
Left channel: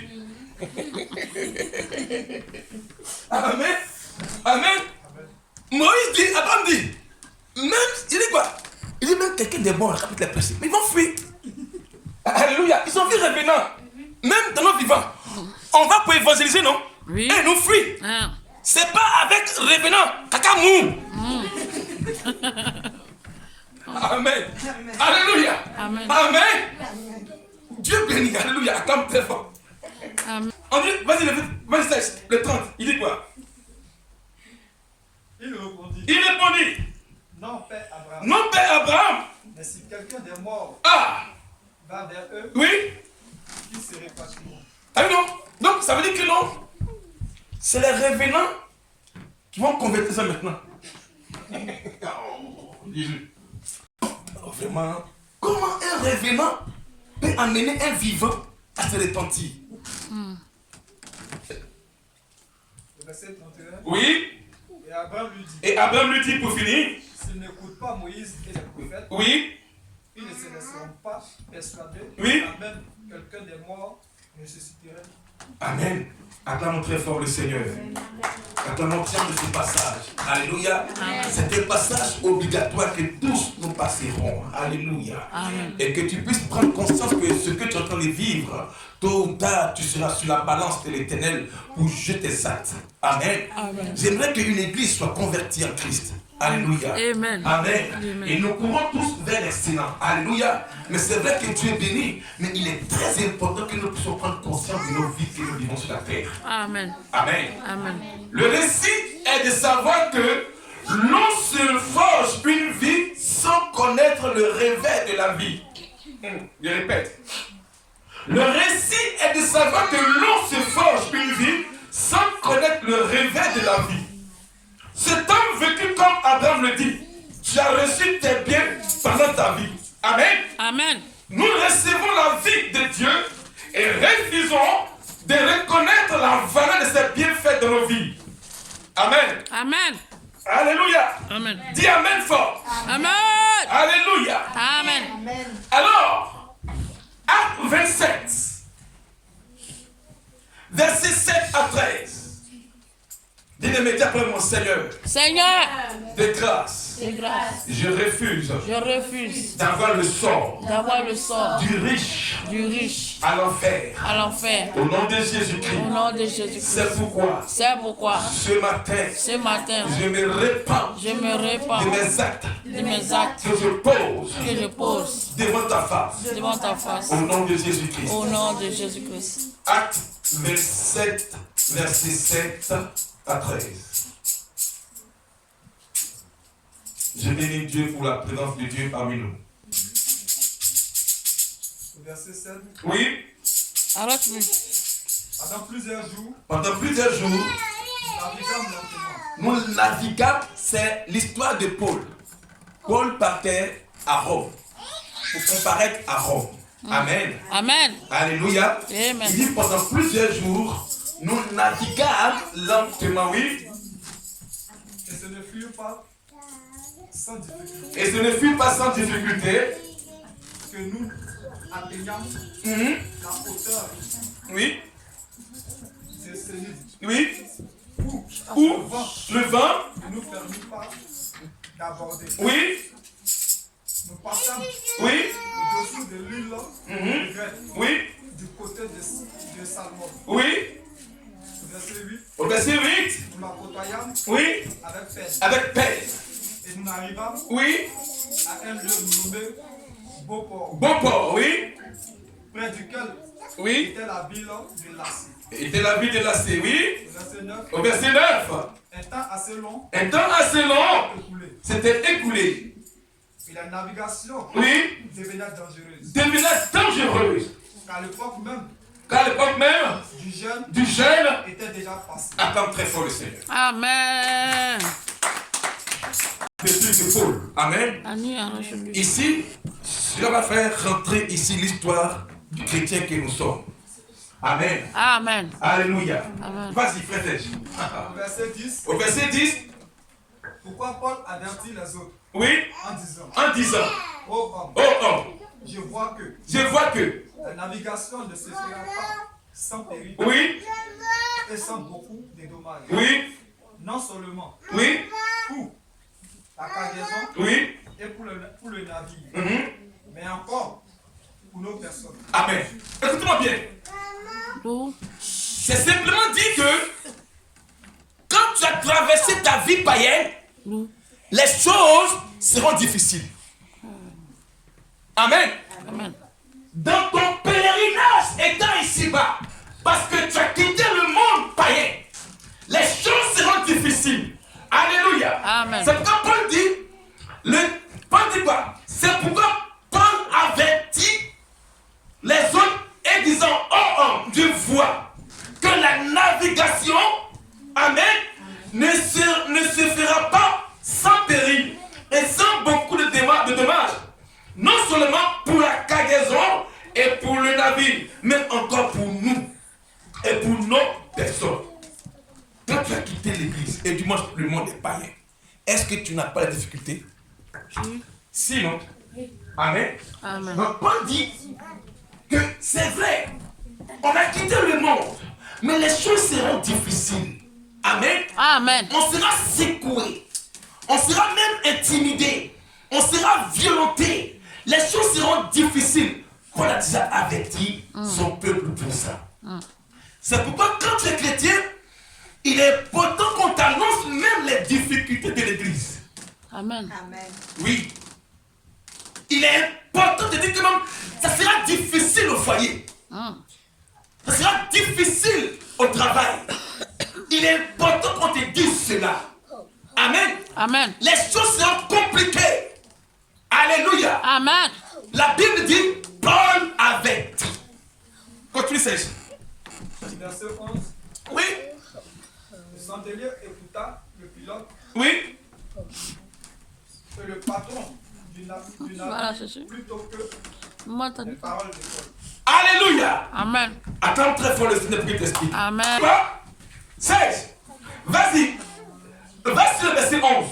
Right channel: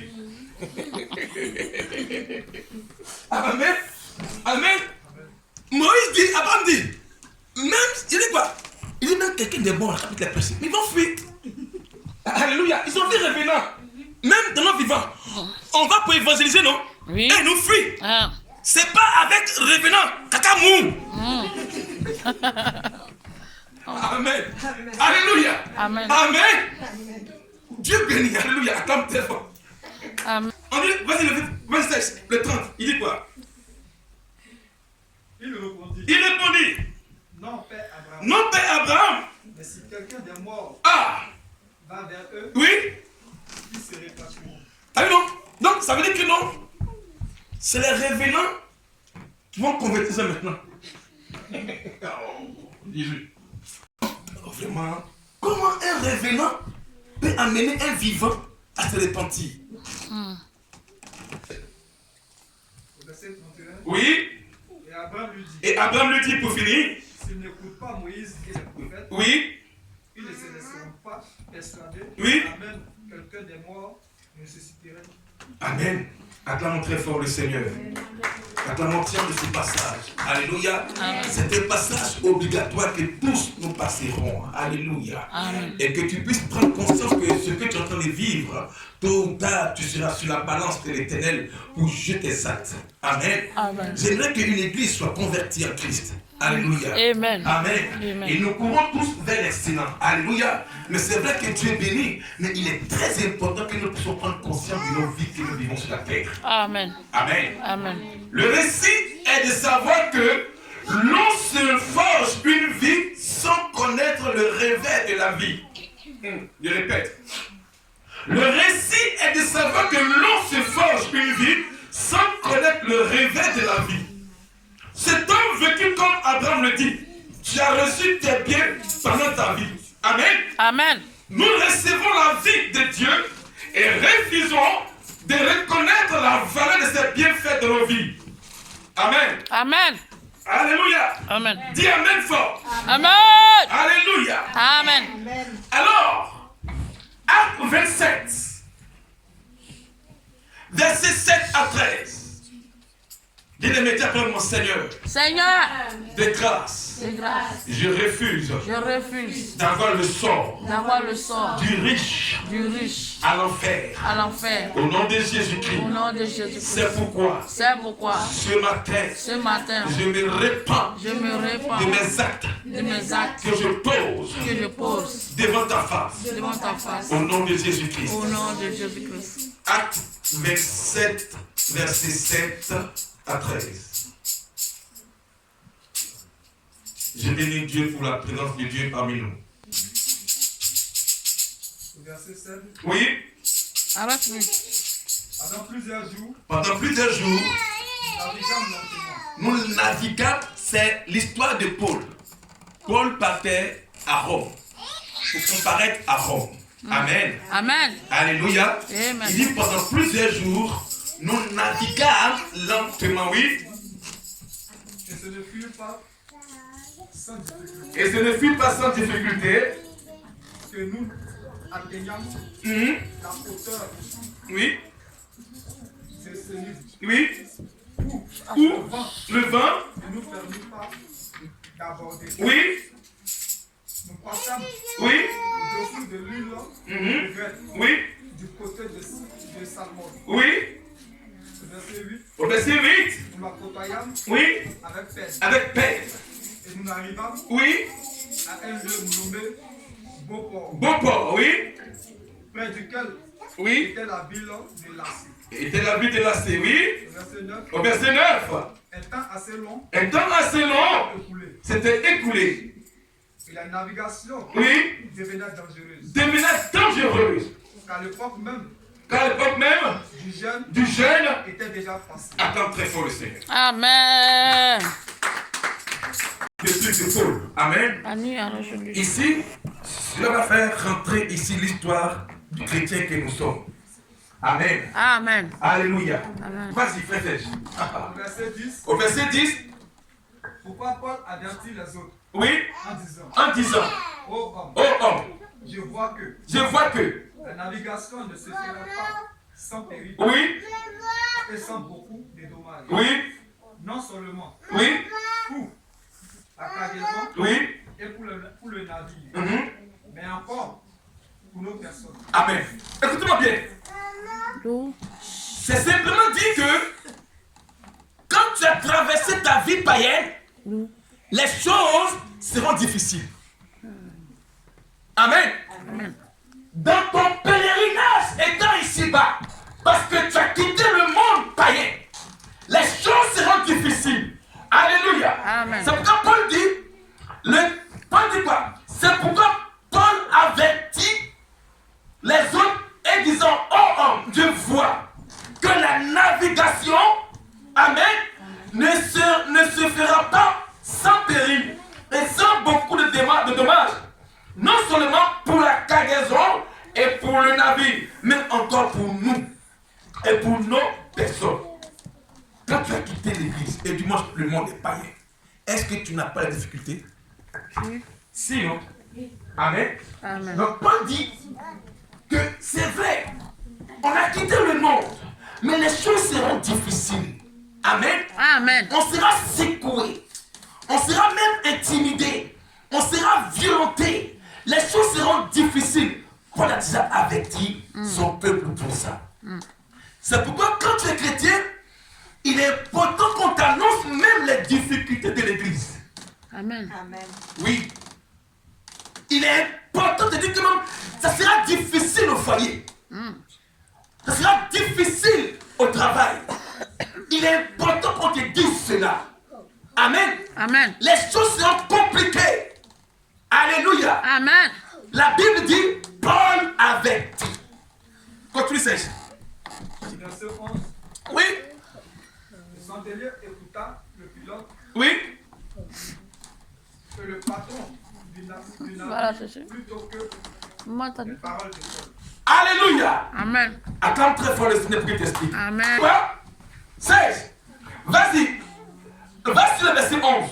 Amen. Amen. Moïse dit, Abraham dit, même, il dit quoi? Il dit même quelqu'un des morts, la personne, mais ils vont fuir. Alléluia. Ils ont vu revenants. Même dans nos vivants. On va pour évangéliser, non? Oui. Et nous fuir. Ah. C'est pas avec revenants. Caca mou. Amen. Alléluia. Amen. Amen. Dieu bénit. Alléluia. Attends très fort. Amen. On dit, vas-y, le 30. Il dit quoi? Il répondit. Non, Père Abraham. Non, Père Abraham. Mais si quelqu'un des morts va vers eux, oui. Ils se répartiront. Ah non. Donc, ça veut dire que non. C'est les revenants qui vont convertir ça maintenant. Jésus. Vraiment. Comment un revenant peut amener un vivant à se repentir? Verset 31. Oui. Et Abraham lui dit pour finir. S'ils n'écoutent pas Moïse et les prophètes, oui. Ils ne se laisseront pas persuader. Oui. Même quelqu'un des morts ressusciterait. Amen. Acclamons très fort le Seigneur. Acclamons tiens de ce passage. Alléluia. C'est un passage obligatoire que tous nous passerons. Alléluia. Amen. Et que tu puisses prendre conscience que ce que tu es en train de vivre, tôt ou tard, tu seras sur la balance de l'Éternel pour juger tes actes. Amen. Amen. J'aimerais qu'une église soit convertie en Christ. Alléluia. Amen. Amen. Amen. Et nous courons tous vers l'excellent. Alléluia. Mais c'est vrai que Dieu est béni. Mais il est très important que nous puissions prendre conscience de nos vies que nous vivons sur la terre. Amen. Amen. Amen. Le récit est de savoir que l'on se forge une vie sans connaître le réveil de la vie. Je répète. Le récit est de savoir que l'on se forge une vie sans connaître le réveil de la vie. Cet homme vécu comme Abraham le dit, tu as reçu tes biens pendant ta vie. Amen. Amen. Nous recevons la vie de Dieu et refusons de reconnaître la valeur de ces bienfaits dans nos vies. Amen. Amen. Alléluia. Amen. Dis Amen fort. Amen. Alléluia. Amen. Alors, Acte 27, versets 7 à 13. Dis-le après mon Seigneur. Seigneur, De grâce, de grâce, je refuse je refuse d'avoir le sort d'avoir le sort du riche du riche à l'enfer. à l'enfer. Au nom de Jésus-Christ. Au nom de Jésus-Christ. C'est pourquoi C'est pourquoi ce matin, je me répands je me répands de mes actes de mes actes que je pose devant devant ta face. au nom de Jésus-Christ. Au nom de Jésus-Christ. Acte 27, verset 7 à 13. Je bénis Dieu pour la présence de Dieu parmi nous. Verset 7. Oui. Arrête-moi. Pendant plusieurs jours, Nous nous naviguâmes, c'est l'histoire de Paul. Paul partait à Rome pour comparaître à Rome. Amen. Amen. Alléluia. Amen. Il dit pendant plusieurs jours, nous naviguâmes lentement, oui. Et ce ne fut pas sans difficulté Et ce ne fut pas sans difficulté que nous atteignâmes la hauteur oui, de ce livre. oui, Où où le vent, ne nous permit pas d'aborder. oui, Nous passâmes oui, au-dessous de l'île de Grèce, oui, du côté de Salmon. oui, Verset 8. au verset 8, Nous la côtoyâmes oui, avec peine. avec peine, Et nous arrivâmes oui, à un lieu nommé Beauport, bon port, oui, près duquel oui, était la ville de Lassie. était la ville de la C, oui, Verset 9. au verset 9, Un temps assez long un temps assez long écoulé. s'était écoulé, Et la navigation oui, devenait dangereuse. devenait dangereuse, Car l'époque même car l'époque même du jeûne du jeûne était déjà passée. attend très fort le Seigneur. Amen. De plus de Paul, amen. Ani arrache-lui. Ici, cela va faire rentrer ici l'histoire du chrétien que nous sommes. Amen. Amen. Alléluia. Amen. Vas-y, frère. Au verset 10, Au verset 10, pourquoi Paul avertit les autres oui, en disant, en disant, ô homme, oh homme, je vois que je vois que, la navigation ne se fera pas sans péril oui, et sans beaucoup de dommages. oui, Non seulement oui, pour la cargaison oui, et pour le navire, mhm. mais encore pour nos personnes. Amen. Écoutez-moi bien. L'eau. C'est simplement dit que quand tu as traversé ta vie païenne, L'eau. les choses seront difficiles. Amen. Amen. Dans ton pèlerinage étant ici-bas, parce que tu as quitté le monde païen, les choses seront difficiles. Alléluia. Amen. C'est pourquoi Paul dit, Paul dit quoi? C'est pourquoi Paul avertit les autres et disant, oh homme, je vois que la navigation, amen, ne se fera pas sans péril et sans beaucoup de dommages. Non seulement pour la cargaison et pour le navire, mais encore pour nous et pour nos personnes. Quand tu as quitté l'église et du moins le monde est païen, est-ce que tu n'as pas la difficulté? Oui. Sinon, amen. Amen. Donc Paul dit que c'est vrai, on a quitté le monde, mais les choses seront difficiles. Amen. Amen. On sera secoué, on sera même intimidé, on sera violenté. Les choses seront difficiles. Paul a déjà averti son peuple pour ça. C'est pourquoi quand tu es chrétien, il est important qu'on t'annonce même les difficultés de l'église. Amen. Amen. Oui. Il est important de dire que même, ça sera difficile au foyer. Ça sera difficile au travail. Il est important qu'on te dise cela. Amen. Amen. Les choses seront compliquées. Alléluia. Amen. La Bible dit, Paul avertit. Continue, Serge. Verset 11. Oui. Le chandelier écouta le pilote Oui. et le patron du Voilà, navire c'est sûr. plutôt que Moi, t'as les dit. paroles de Paul. Alléluia. Amen. Attends très fort le Seigneur pour qu'il t'explique. Amen. Quoi? Serge. Vas-y. Va-y le verset 11.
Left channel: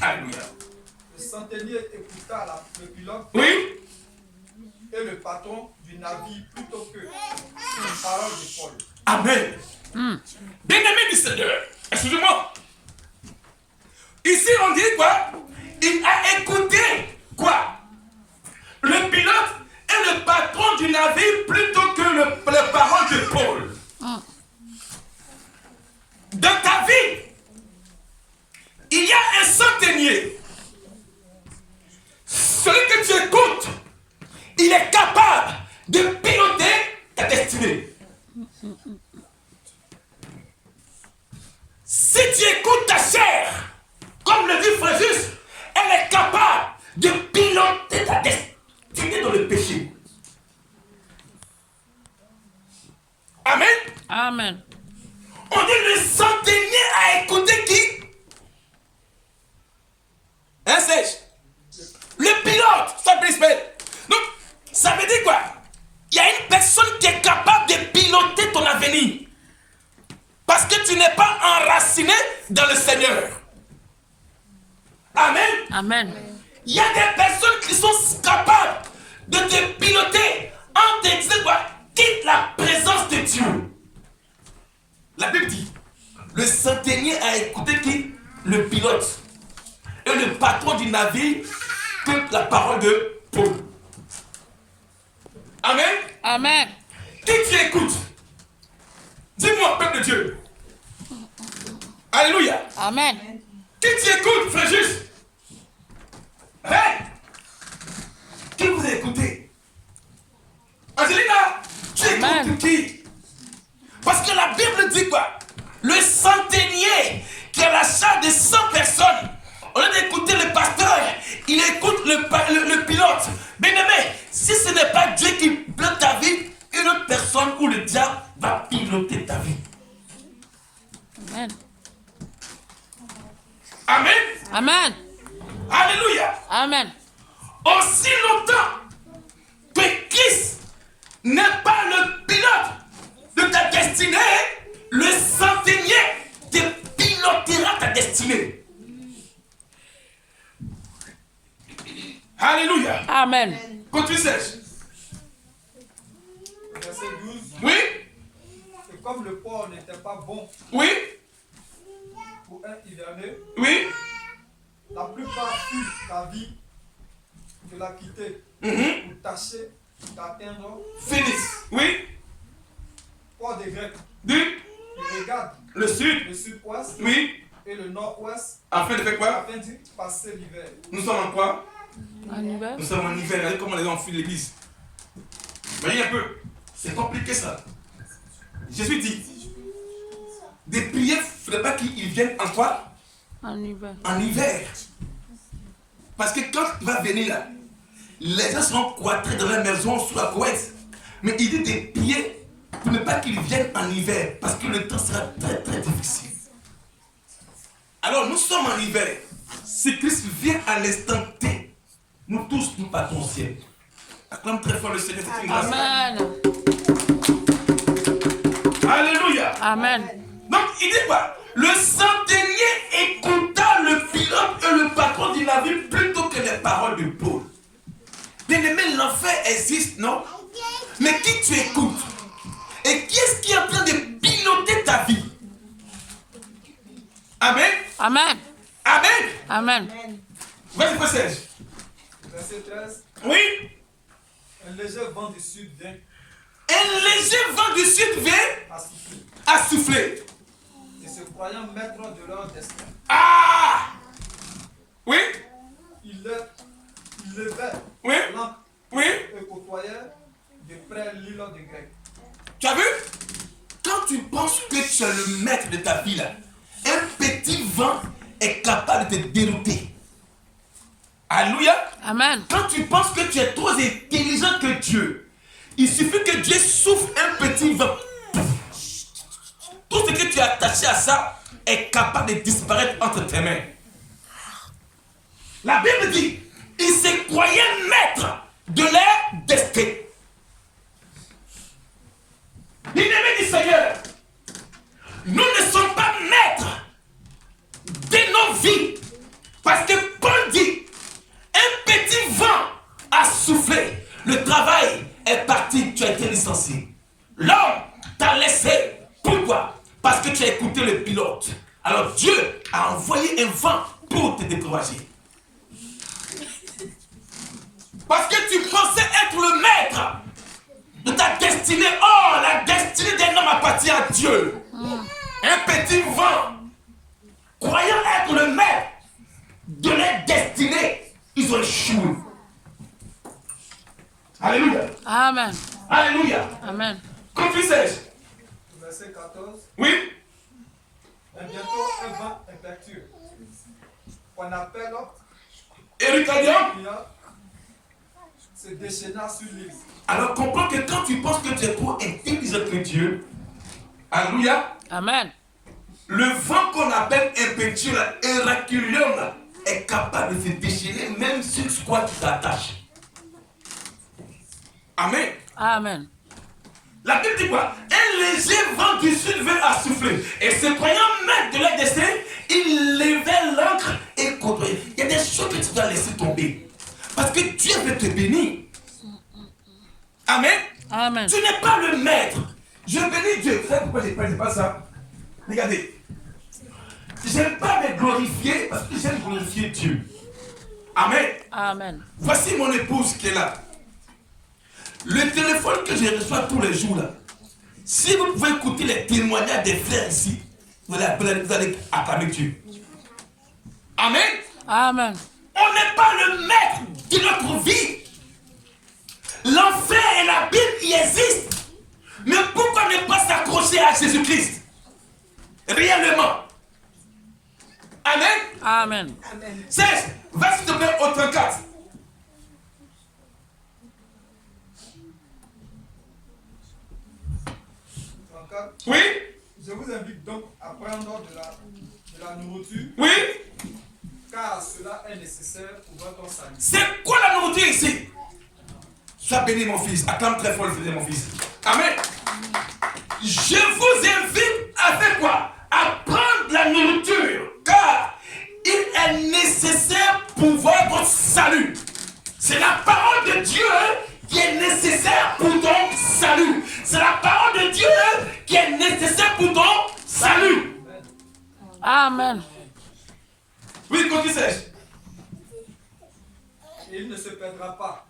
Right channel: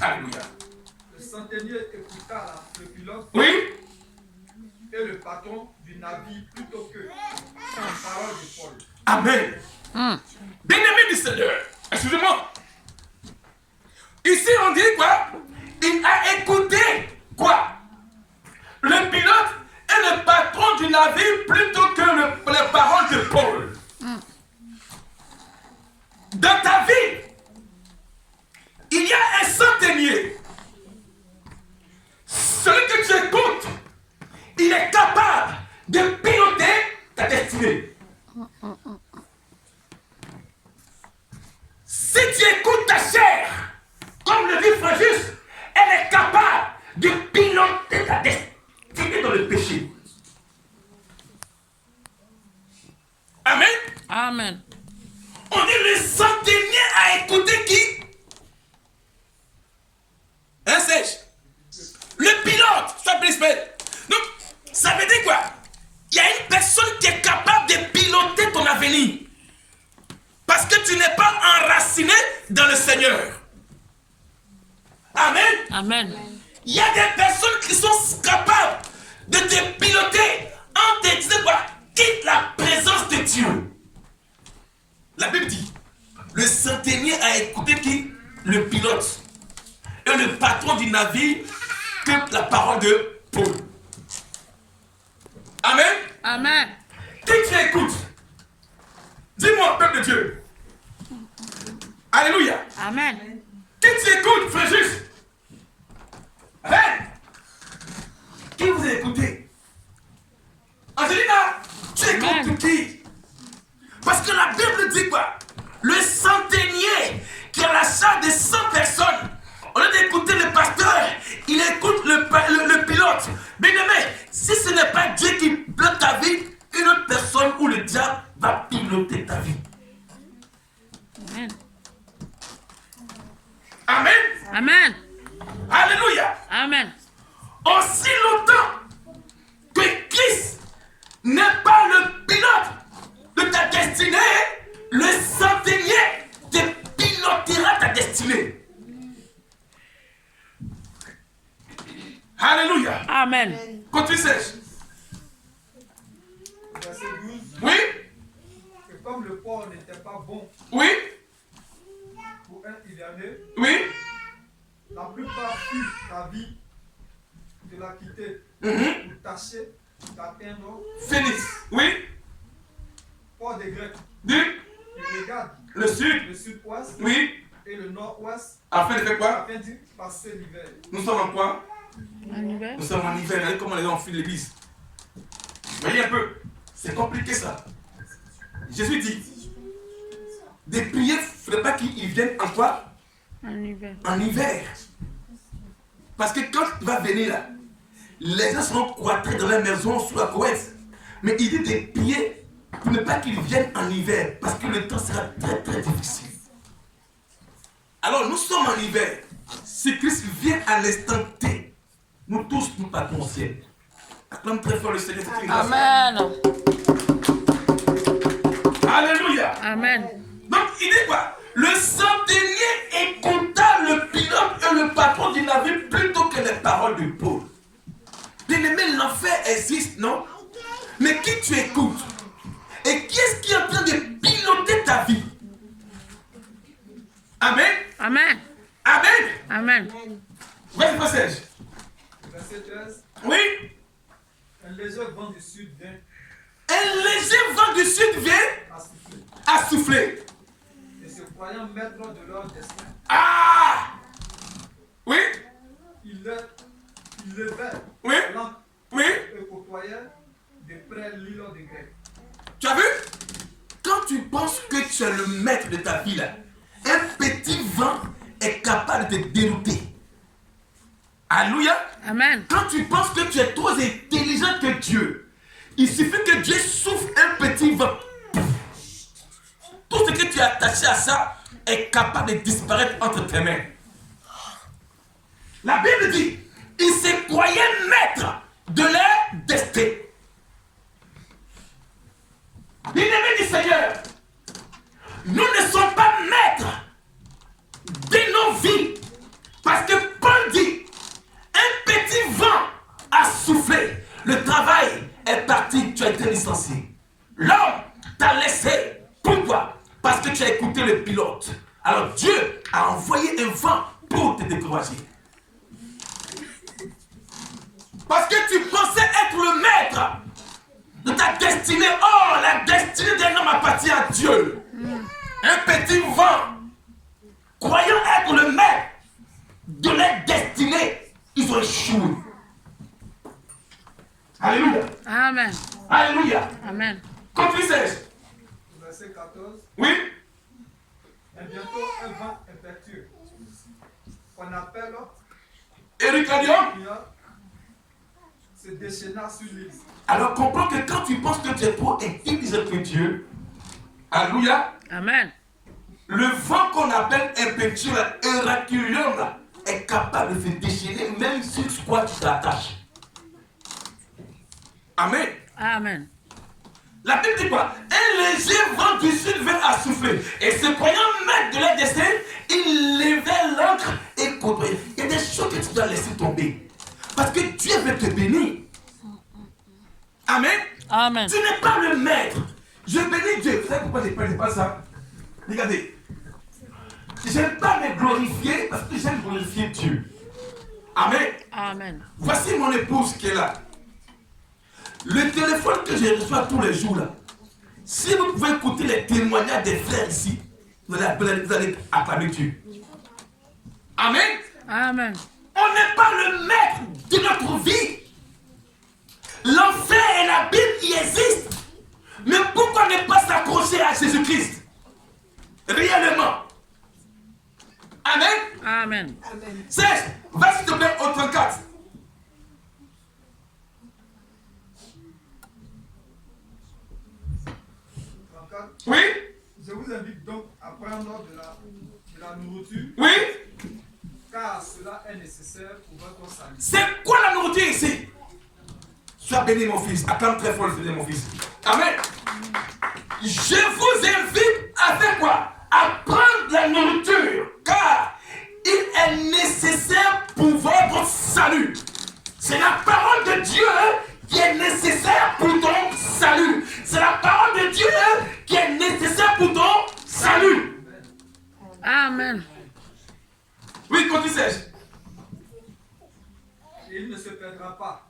Alléluia. Le centenier écouta le pilote Oui. et le patron du navire plutôt que les paroles de Paul. Amen. Bien-aimé du Seigneur, excusez-moi. Ici, on dit quoi? Il a écouté quoi? Le pilote et le patron du navire plutôt que les paroles de Paul. Dans ta vie, il y a un centenier. Celui que tu écoutes, il est capable de piloter ta destinée. Si tu écoutes ta chair, comme le dit Fréjus, elle est capable de piloter ta destinée dans le péché. Amen. Amen. On dit le centenier a écouté qui? Hein, Serge? Le pilote, ça peut s'appeler. Donc, ça veut dire quoi? Il y a une personne qui est capable de piloter ton avenir. tu n'es pas enraciné dans le Seigneur. Amen. Amen. Il y a des personnes qui sont capables de te piloter en te disant quoi? Quitte la présence de Dieu. La Bible dit, le centenier a écouté qui? Le pilote. Et le patron du navire que la parole de Paul. Amen. Amen. Qui tu écoutes? Dis-moi, peuple de Dieu. Alléluia. Amen. Qui tu écoutes, frère juste? Hein? Qui vous écoutez? Angelina, tu écoutes qui? Parce que la Bible dit quoi? Le centenier qui a la charge de 100 personnes, au lieu d'écouter le pasteur, il écoute le pilote. Bien aimé, si ce n'est pas Dieu qui pilote ta vie, une autre personne ou le diable va piloter ta vie. Amen. Amen. Amen. Alléluia. Amen. Aussi longtemps que Christ n'est pas le pilote de ta destinée, le centenier te pilotera ta destinée. Alléluia. Amen. Continue sèche. Verset 12. Oui. Et comme le port n'était pas bon Oui. pour un hiverneux, Oui. la plupart furent d'avis de la quitter pour tâcher d'atteindre Finisse. Oui. port des Grecs. Du. Ils regardent Le sud. le sud-ouest Oui. et le nord-ouest Afin de faire quoi? afin d'y passer l'hiver. Nous sommes en quoi? En hiver. Nous sommes en hiver. Regardez comment les gens fuient l'église. Voyez un peu. C'est compliqué ça. Jésus dit, des prières, il ne faudrait pas qu'ils viennent en quoi? En hiver. En hiver. Parce que quand il va venir là, les gens seront cloîtrés dans la maison sous la couette. Mais il dit des prières pour ne pas qu'ils viennent en hiver. Parce que le temps sera très très difficile. Alors nous sommes en hiver. Si Christ vient à l'instant T, nous tous nous partons au ciel. Acclame très fort le Seigneur. C'est une grâce. Amen. Alléluia. Amen. Donc il dit quoi? Le centenier écouta le pilote et le patron du navire plutôt que les paroles de Paul. Bien aimé, l'enfer existe, non? Mais qui tu écoutes? Et qui est-ce qui est en train de piloter ta vie? Amen. Amen. Amen. Amen. Vas-y, passage. Verset 13. Oui. Un léger vent du sud vient Un léger vent du sud vient à souffler. à souffler. Et se croyant maître de leur destin, Ah! Oui. ils levaient Oui. l'encre Oui. et côtoyaient de près l'île des Grecs. Tu as vu? Quand tu penses que tu es le maître de ta vie là, un petit vent est capable de te dérouter. Alléluia. Amen. Quand tu penses que tu es trop intelligent que Dieu, il suffit que Dieu souffle un petit vent. Tout ce que tu es attaché à ça est capable de disparaître entre tes mains. La Bible dit, ils se croyaient maîtres de leur destin. Bien-aimés du Seigneur, nous ne sommes pas maîtres de nos vies. Parce que Paul dit, un petit vent a soufflé, le travail est parti, tu as été licencié. L'homme t'a laissé. Pourquoi? Parce que tu as écouté le pilote. Alors Dieu a envoyé un vent pour te décourager. Parce que tu pensais être le maître de ta destinée. Oh, la destinée d'un homme appartient à Dieu. Un petit vent, croyant être le maître de leur destinée, ils ont échoué. Alléluia. Amen. Alléluia. Amen. Continue, Serge. Verset 14. Oui. Et bientôt un vent impétueux, qu'on appelle Ericadium. se déchaîna sur l'île. Alors comprends que quand tu penses que tu es trop intelligent que Dieu, alléluia, Amen. le vent qu'on appelle impétueux, Heraculatum, est capable de se déchaîner même sur quoi tu t'attaches. Amen. Amen. La Bible dit quoi? Un un léger vent du sud vint à souffler. Et se croyant maître de leur destin, ils levaient l'ancre et côtoyaient. Il y a des choses que tu dois laisser tomber. Parce que Dieu veut te bénir. Amen. Amen. Tu n'es pas le maître. Je bénis Dieu. Vous savez pourquoi je ne parle pas ça? Regardez. Je n'aime pas me glorifier parce que j'aime glorifier Dieu. Amen. Amen. Voici mon épouse qui est là. Le téléphone que je reçois tous les jours là. Si vous pouvez écouter les témoignages des frères ici, vous allez acclamer Dieu. Amen. Amen. On n'est pas le maître de notre vie. L'enfer et la Bible y existent. Mais pourquoi ne pas s'accrocher à Jésus-Christ? Réellement. Amen. Amen. Serge, va s'il te plaît au 34. Oui. Je vous invite donc à prendre de la nourriture, Oui. car cela est nécessaire pour votre salut. C'est quoi la nourriture ici? Sois béni mon fils. Acclame très fort le fils de mon fils. Amen. Je vous invite à faire quoi? À prendre la nourriture. Car il est nécessaire pour votre salut. C'est la parole de Dieu qui est nécessaire pour ton salut. C'est la parole de Dieu qui est nécessaire pour ton salut. Amen. Oui, continue Serge. Et il ne se perdra pas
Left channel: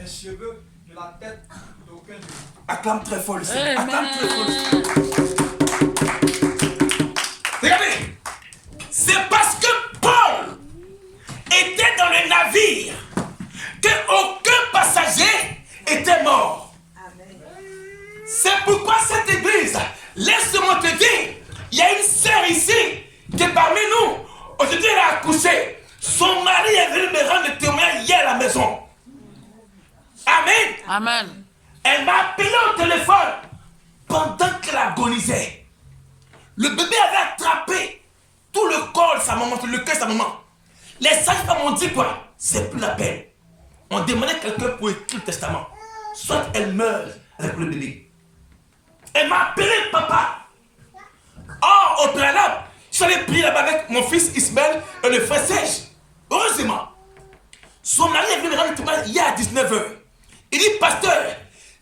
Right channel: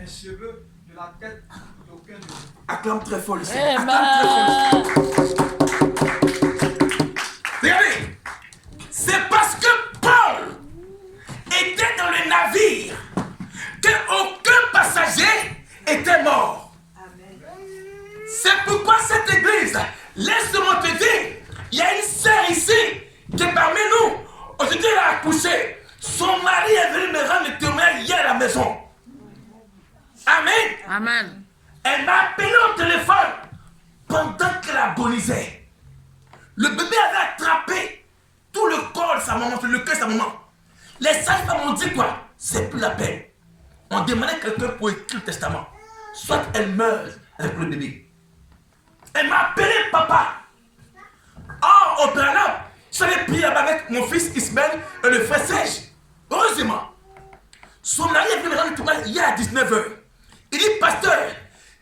un cheveu de la tête d'aucun de vous. Acclame très fort le Seigneur. Acclame très fort le Amen. Seigneur. Regardez. C'est parce que Paul était dans le navire qu'aucun passager était mort. C'est pourquoi cette église, laisse-moi te dire, il y a une sœur ici qui est parmi nous. Aujourd'hui, elle a accouché. Son mari est venu me rendre le témoignage hier à la maison. Amen. Amen. Elle m'a appelé au téléphone pendant qu'elle agonisait. Le bébé avait attrapé tout le corps de sa maman, le cœur de sa maman. Les sages-femmes ont dit quoi? C'est plus la peine. On demandait quelqu'un pour écrire le testament. Soit elle meurt avec le bébé. Elle m'a appelé papa. Oh, au préalable, j'avais prié là-bas avec mon fils Ismaël et le frère Serge. Heureusement, son mari est venu me rendre le témoignage hier à 19h. Il dit, pasteur,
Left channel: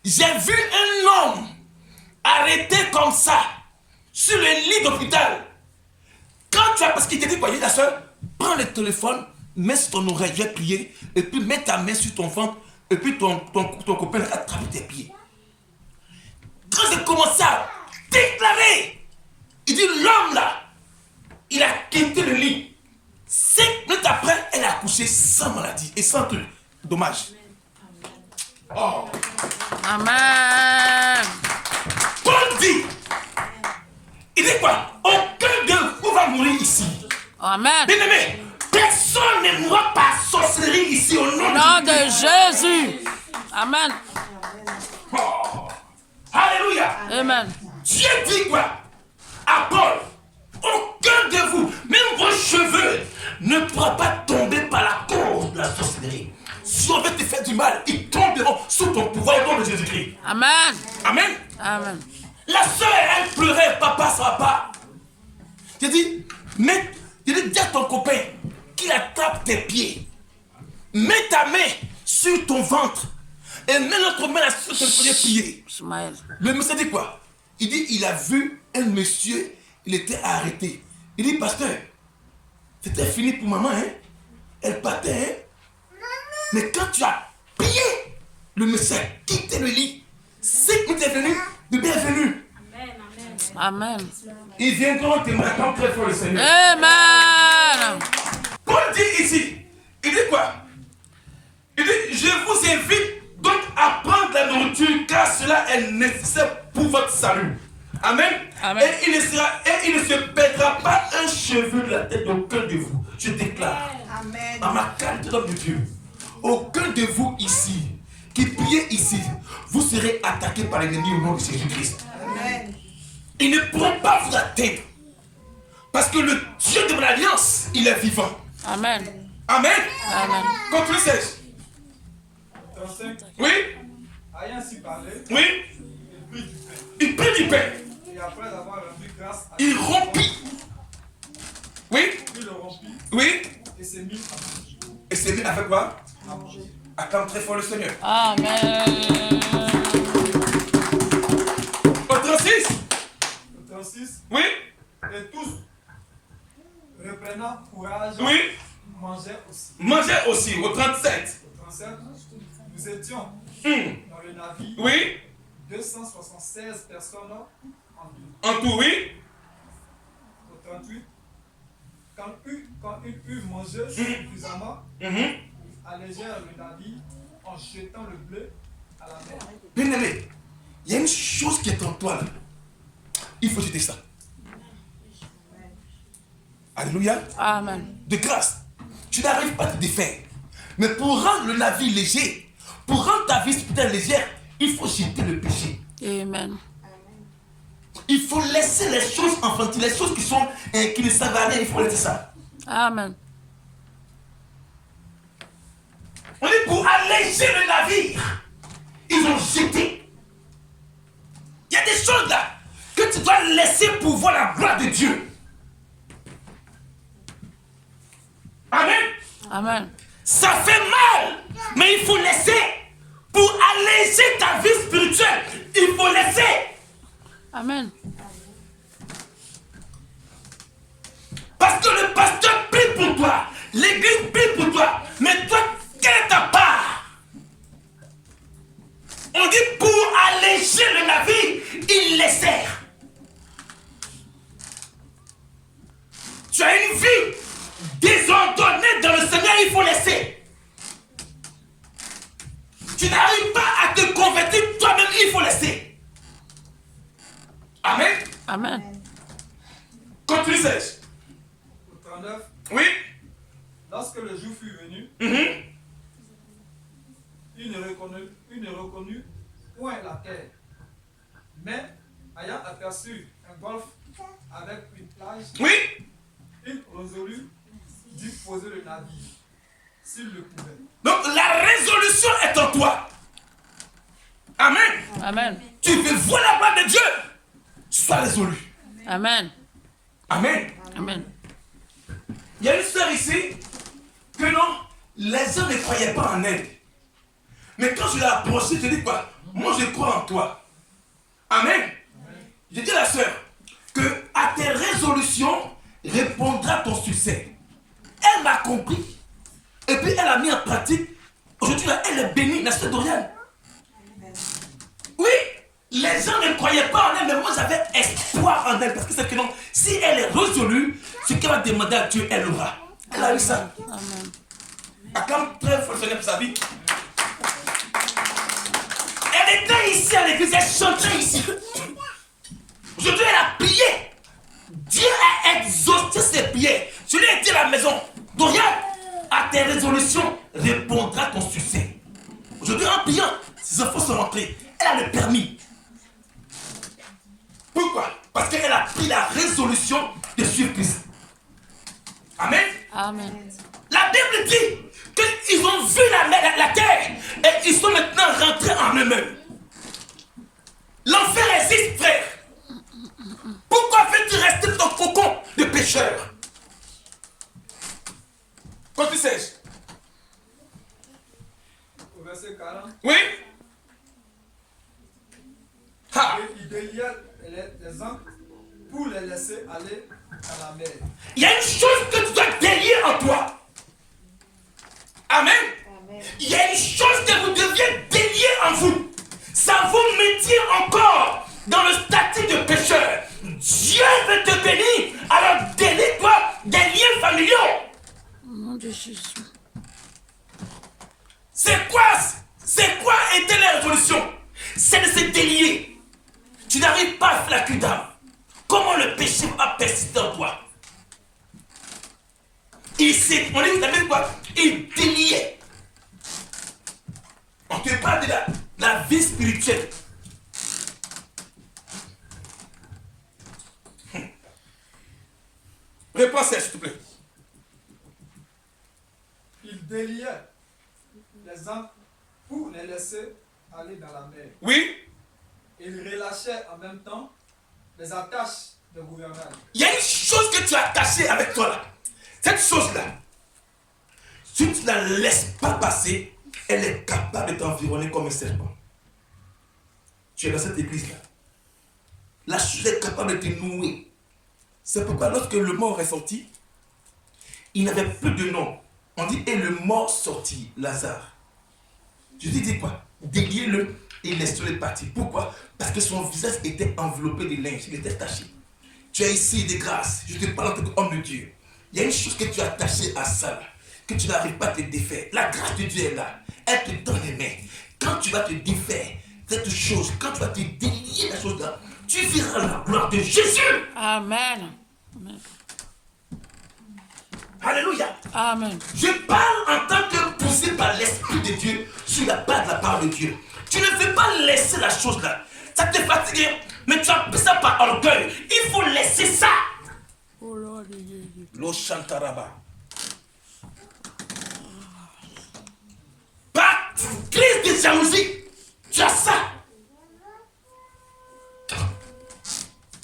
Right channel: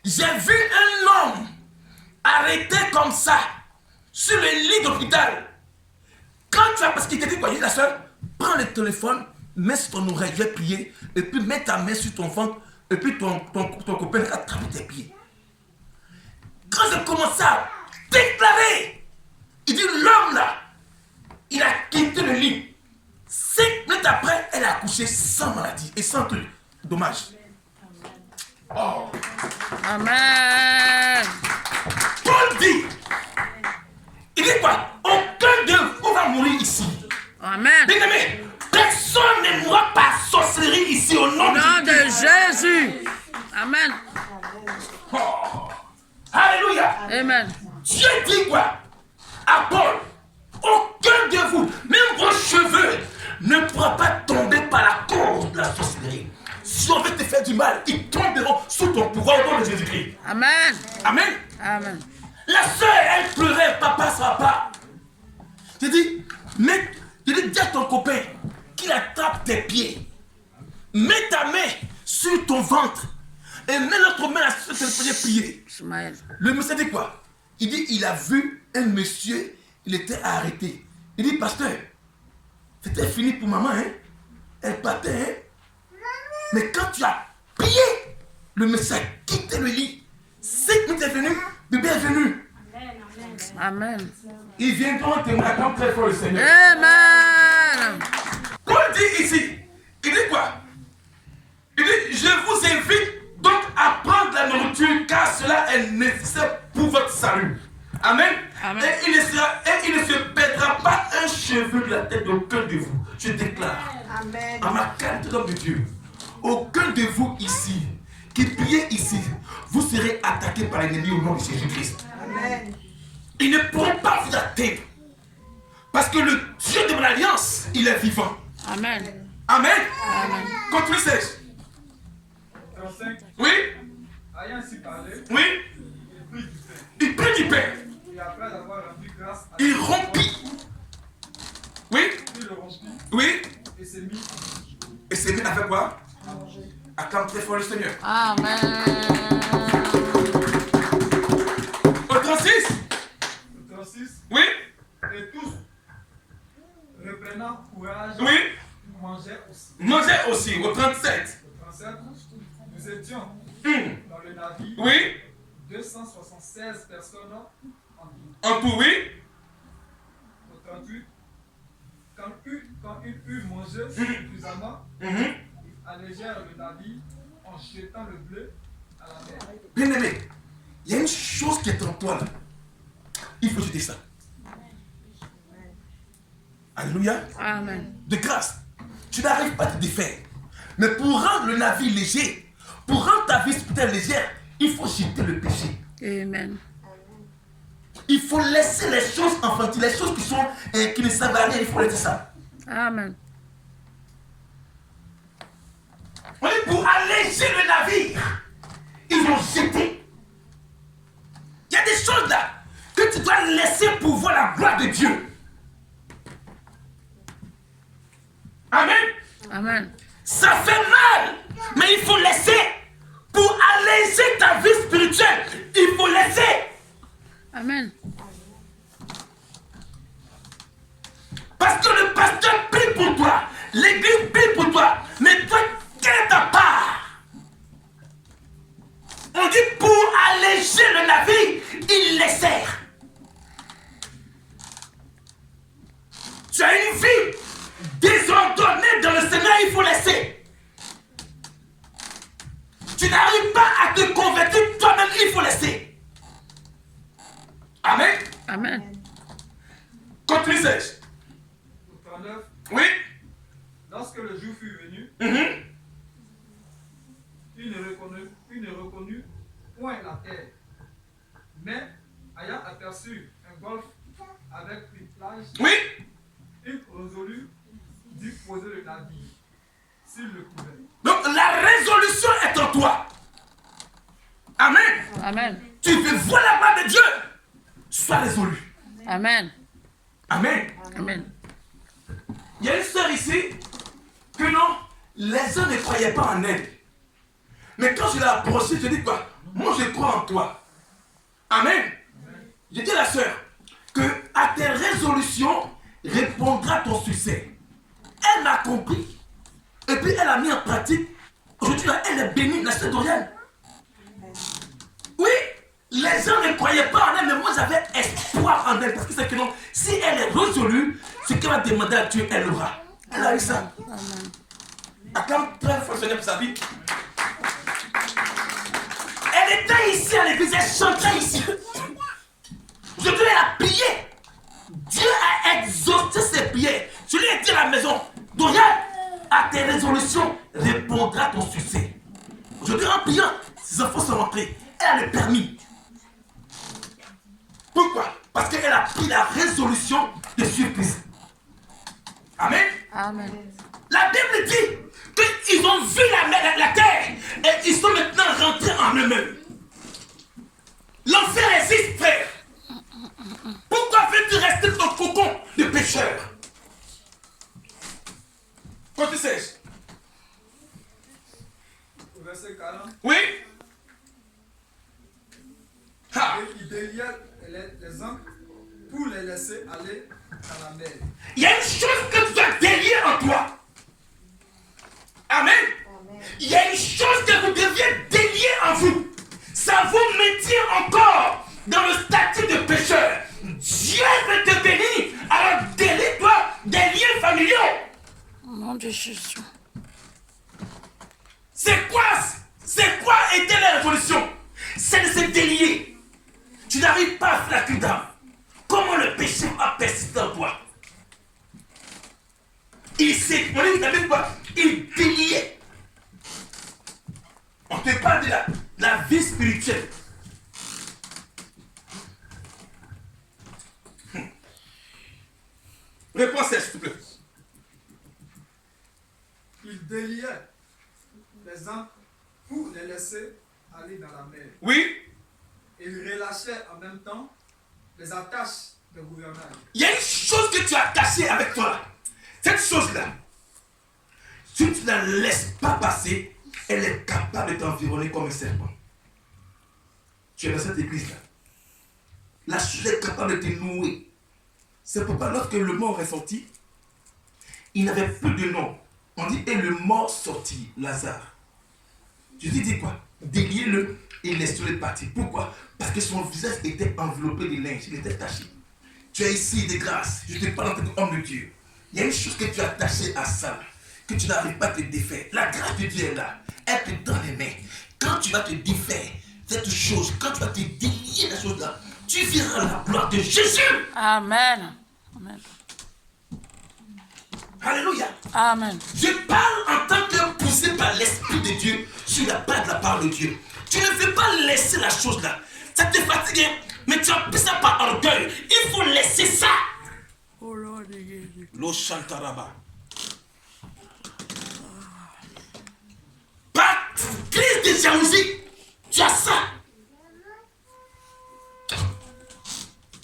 j'ai vu un homme arrêté comme ça sur le lit d'hôpital. Quand tu as, parce qu'il t'a dit quoi, il dit la soeur, prends le téléphone, mets sur ton oreille, je vais prier, et puis mets ta main sur ton ventre, et puis ton copain va attraper tes pieds. Quand j'ai commencé à déclarer, il dit l'homme là, il a quitté le lit. 5 minutes après, elle a accouché sans maladie et sans truc. Dommage. Oh. Amen. Paul dit, il dit quoi? Aucun de vous va mourir ici. Amen. Bien aimé, personne ne mourra par sorcellerie ici au nom Au nom de Jésus. Amen. Oh. Alléluia. Amen. Dieu dit quoi? À Paul, aucun de vous, même vos cheveux, ne pourra pas tomber par la cause de la sorcellerie. Si on veut te faire du mal, ils tomberont sous ton pouvoir au nom de Jésus-Christ. Amen. Amen. Amen. La soeur, elle pleurait, papa, ça va pas. J'ai dit, dis à ton copain qu'il attrape tes pieds. Mets ta main sur ton ventre et mets l'autre main sur tes pieds. Ismaël. Le monsieur dit quoi? Il dit, il a vu un monsieur, il était arrêté. Il dit, pasteur, c'était fini pour maman, hein? Elle partait, hein? Mais quand tu as prié, le monsieur a quitté le lit. 5 minutes est venu, le bébé est venu. Amen. Ils viendront témoigner comme très fort le Seigneur. Amen. Paul dit ici, il dit quoi? Il dit, je vous invite donc à prendre la nourriture car cela est nécessaire pour votre salut. Amen. Amen. Et il ne se perdra pas un cheveu de la tête d'aucun de vous. Je déclare, Amen. à ma qualité d'homme de Dieu, aucun de vous ici, qui priez ici, vous serez attaqué par l'ennemi au nom de Jésus-Christ. Amen. Ils ne pourront pas vous atteindre. Parce que le Dieu de mon alliance, il est vivant. Amen. Amen. Amen. Continue, Serge. 35. Oui, Ayant ainsi parlé, oui, il prit du pain. Il prit du pain. Et après avoir rendu grâce à Il Dieu, rompit. Oui, il le rompit oui. et s'est mis à manger. Et c'est mis avec quoi? À manger. Acclame très fort le Seigneur. Amen. Au 36. Le 36. Oui, Et tous, reprenant courage, oui. mangeaient aussi. Mangez aussi. Au 37. Le 37. Nous étions dans le navire, Oui, 276 personnes en tout. en tout, oui. Au 38. Quand ils eurent mangé suffisamment, Mhm. ils allégèrent le navire en jetant le bleu à la mer. Bien aimé, il y a une chose qui est en toi là. Il faut jeter ça. Alléluia. Amen. De grâce, tu n'arrives pas à te défaire. Mais pour rendre le navire léger, pour rendre ta vie spirituelle légère, il faut jeter le péché. Amen. Il faut laisser les choses enfantiles, les choses qui ne servent à rien, il faut laisser ça. Amen. On dit pour alléger le navire, ils ont jeté. Il y a des choses là que tu dois laisser pour voir la gloire de Dieu. Amen. Amen. Ça fait mal, mais il faut laisser. Pour alléger ta vie spirituelle, il faut laisser. Amen. Parce que le pasteur prie pour toi, l'église prie pour toi, mais toi, quelle est ta part? On dit pour alléger le navire, il les sert. Tu as une vie désordonnée dans le Seigneur, il faut laisser. Tu n'arrives pas à te convertir toi-même, il faut laisser. Amen. Amen. Continue, Serge. Au 39. Oui. Lorsque le jour fut venu, Mhm. il ne reconnut point la terre. Mais, ayant aperçu un golfe avec une plage, Oui. il résolut d'y poser le navire, s'il le pouvait. Donc la résolution est en toi. Amen. Amen. Tu veux voir la gloire de Dieu. Sois résolu. Amen. Amen. Amen. Il y a une sœur ici que non, les uns ne croyaient pas en elle. Mais quand je l'ai approchée, je dis quoi? Moi je crois en toi. Amen. Je dis à la sœur que à tes résolutions répondra ton succès. Elle m'a compris. Et puis elle a mis en pratique. Aujourd'hui, elle est bénie, la sœur Doriane. Oui, les gens ne croyaient pas en elle, mais moi j'avais espoir en elle. Parce que c'est que non, si elle est résolue, ce qu'elle a demandé à Dieu, elle l'aura. Elle a eu ça. Amen. Acclame très fort le Seigneur pour sa vie. Elle était ici à l'église, elle chantait ici. Aujourd'hui, elle a prié. Dieu a exaucé ses prières. Je lui ai dit à la maison, Dorian, à tes résolutions répondra ton succès. Aujourd'hui, en priant, ses enfants sont rentrés. Elle a le permis. Pourquoi? Parce qu'elle a pris la résolution de suivre Christ. Amen. Amen. La Bible dit qu'ils ont vu la terre et ils sont maintenant rentrés en eux-mêmes. L'enfer existe, frère. Pourquoi veux-tu rester dans ton cocon de pécheur? Quand tu sais. Au verset 40, Oui. Ha. et il déliait les ancres pour les laisser aller dans la mer. Il y a une chose que tu dois délier en toi. Amen. Il y a une chose que vous deviez délier en vous. Ça vous mettait encore dans le statut de pécheur. Dieu veut te bénir. Alors délie-toi des liens familiaux. Au nom de Jésus. C'est quoi était la résolution? C'est de se délier. Tu n'arrives pas à faire la cul d'âme. Comment le péché va persister en toi? Il s'est, on dit, t'as quoi? Il déliait. On te parle de la vie spirituelle. Réponds, s'il te plaît. Il déliait les ancres pour les laisser aller dans la mer. Oui, Il relâchait en même temps les attaches de gouvernail. Il y a une chose que tu as attachée avec toi là. Cette chose-là, si tu ne la laisses pas passer, elle est capable de t'environner comme un serpent. Tu es dans cette église-là. La chose est capable de te nouer. C'est pourquoi lorsque le mort est sorti, il n'avait plus de nom. On dit, et le mort sortit, Lazare. Jésus dit quoi? Déliez-le et laissez-le partir. Pourquoi? Parce que son visage était enveloppé de linge, il était taché. Tu es ici de grâce, je te parle en tant qu'homme de Dieu. Il y a une chose que tu as attachée à ça, que tu n'arrives pas à te défaire. La grâce de Dieu est là, elle te donne les mains. Quand tu vas te défaire cette chose, quand tu vas te délier la chose là, tu verras la gloire de Jésus. Amen. Amen. Alléluia. Amen. Je parle en tant que poussé par l'Esprit de Dieu sur la base de la parole de Dieu. Tu ne veux pas laisser la chose là. Ça te fatigue, mais tu as pris ça par orgueil. Il faut laisser ça. Oh Lord Jésus. Lo chantaraba. Par crise de jalousie, tu as ça.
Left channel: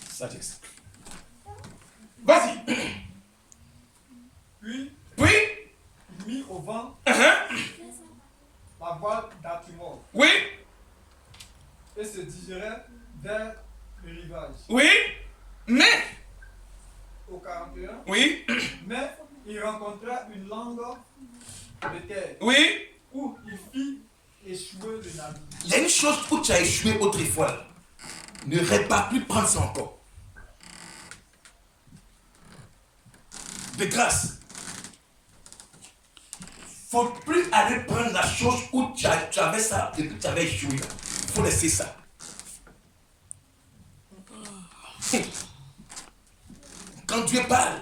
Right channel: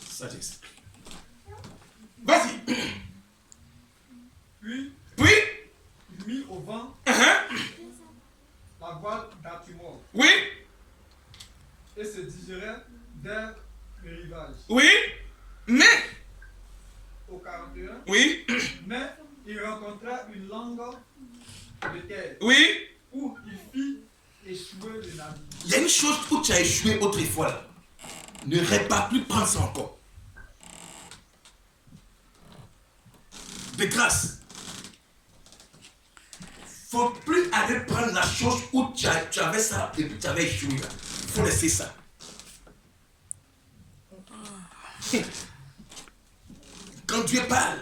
Sagesse. Vas-y. Puis, Oui. il mit au vent la voile d'Artimor Oui. et se dirigeait vers le rivage. Oui. Mais. Au 41, Oui. mais il rencontra une langue de terre Oui. où il fit échouer le navire. Il y a une chose où tu as échoué autrefois. Là. Ne répare plus prendre ça encore. De grâce. Il ne faut plus aller prendre la chose où tu avais ça et puis tu avais échoué. Il faut laisser ça. Quand Dieu parle,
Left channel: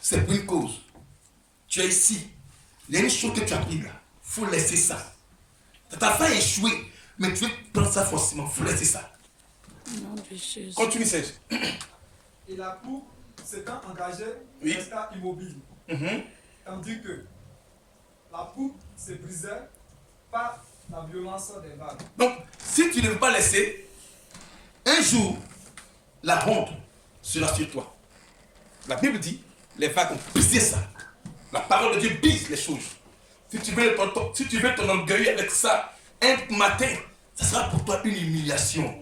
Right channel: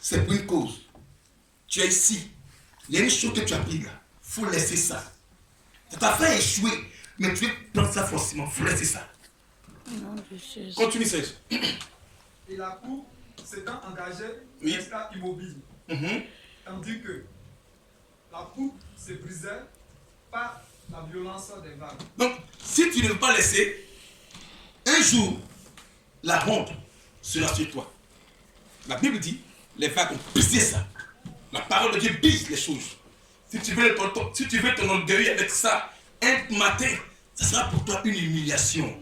c'est pour une cause. Tu es ici. Il y a une chose que tu as pris là. Il faut laisser ça. Ça t'a fait échouer, mais tu veux prendre ça forcément. Il faut laisser ça. Nom de Jésus. Continue, Serge. Et la coupe s'étant engagée, Oui. resta immobile, tandis que la poupe se brisait par la violence des vagues. Donc, si tu ne veux pas laisser, un jour, la honte sera sur toi. La Bible dit, les vagues ont brisé ça. La parole de Dieu brise les choses. Si tu veux ton orgueil avec ça, un matin, ça sera pour toi une humiliation.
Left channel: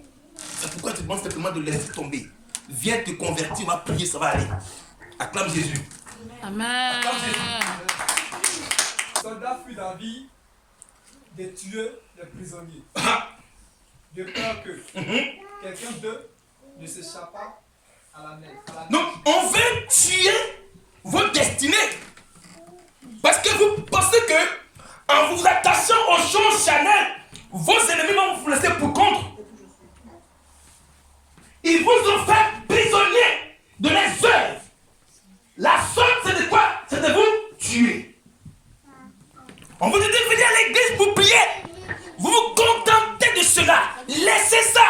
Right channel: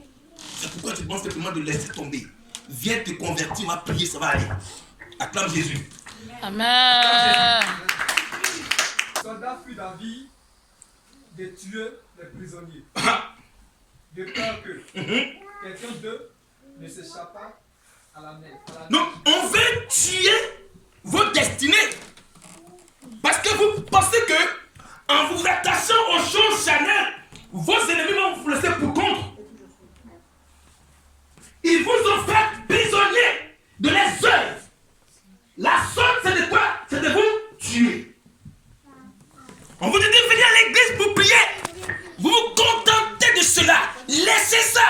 C'est pourquoi tu demandes simplement de laisser tomber. Viens te convertir, va prier, ça va aller. Acclame Jésus. Amen. Le soldat fut d'avis de tuer les prisonniers, de peur que quelqu'un d'eux ne s'échappât à la mer. Donc, on veut tuer vos destinées. Parce que vous pensez que, en vous attachant aux choses charnelles, vos ennemis vont vous laisser pour compte. Ils vous ont fait prisonnier de les œuvres. La sorte, c'est de quoi? C'est de vous tuer. On vous dit de venir à l'église pour prier. Vous vous contentez de cela. Laissez ça.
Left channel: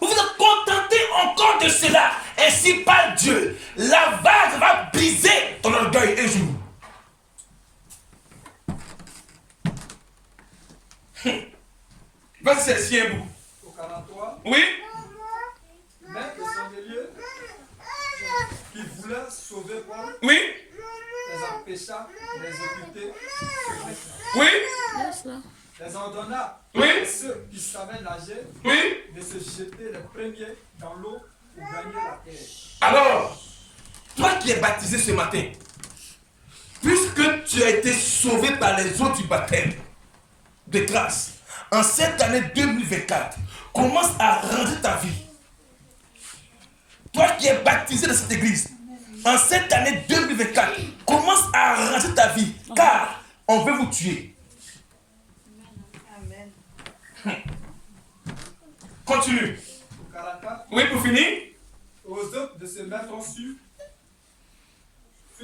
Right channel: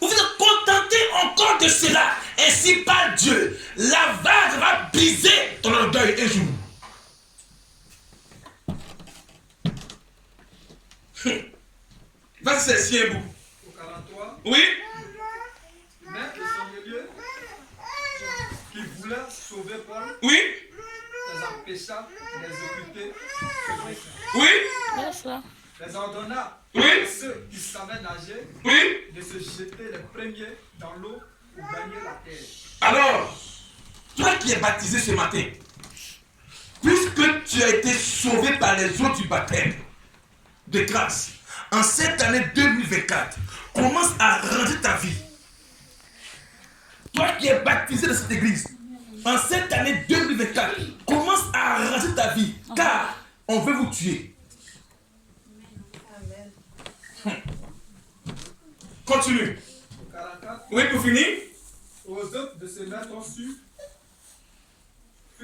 Vous vous contentez encore de cela. Ainsi parle Dieu. La vague va briser ton orgueil un jour. Vas-y, c'est si un bout. Au 43, Oui. mais le sondelier qui voulait sauver Paul Oui. les empêcha d'exécuter ce dessein. Oui. Laisse là. Les ordonna Oui. à ceux qui savaient nager Oui. de se jeter les premiers dans l'eau pour gagner la terre. Alors, toi qui es baptisé ce matin, puisque tu as été sauvé par les eaux du baptême de grâce, en cette année 2024, commence à ranger ta vie. Toi qui es baptisé de cette église, en cette année 2024, commence à ranger ta vie, car on veut vous tuer. Amen. Continue. Au 44, Oui, pour finir. aux hommes de se mettre sur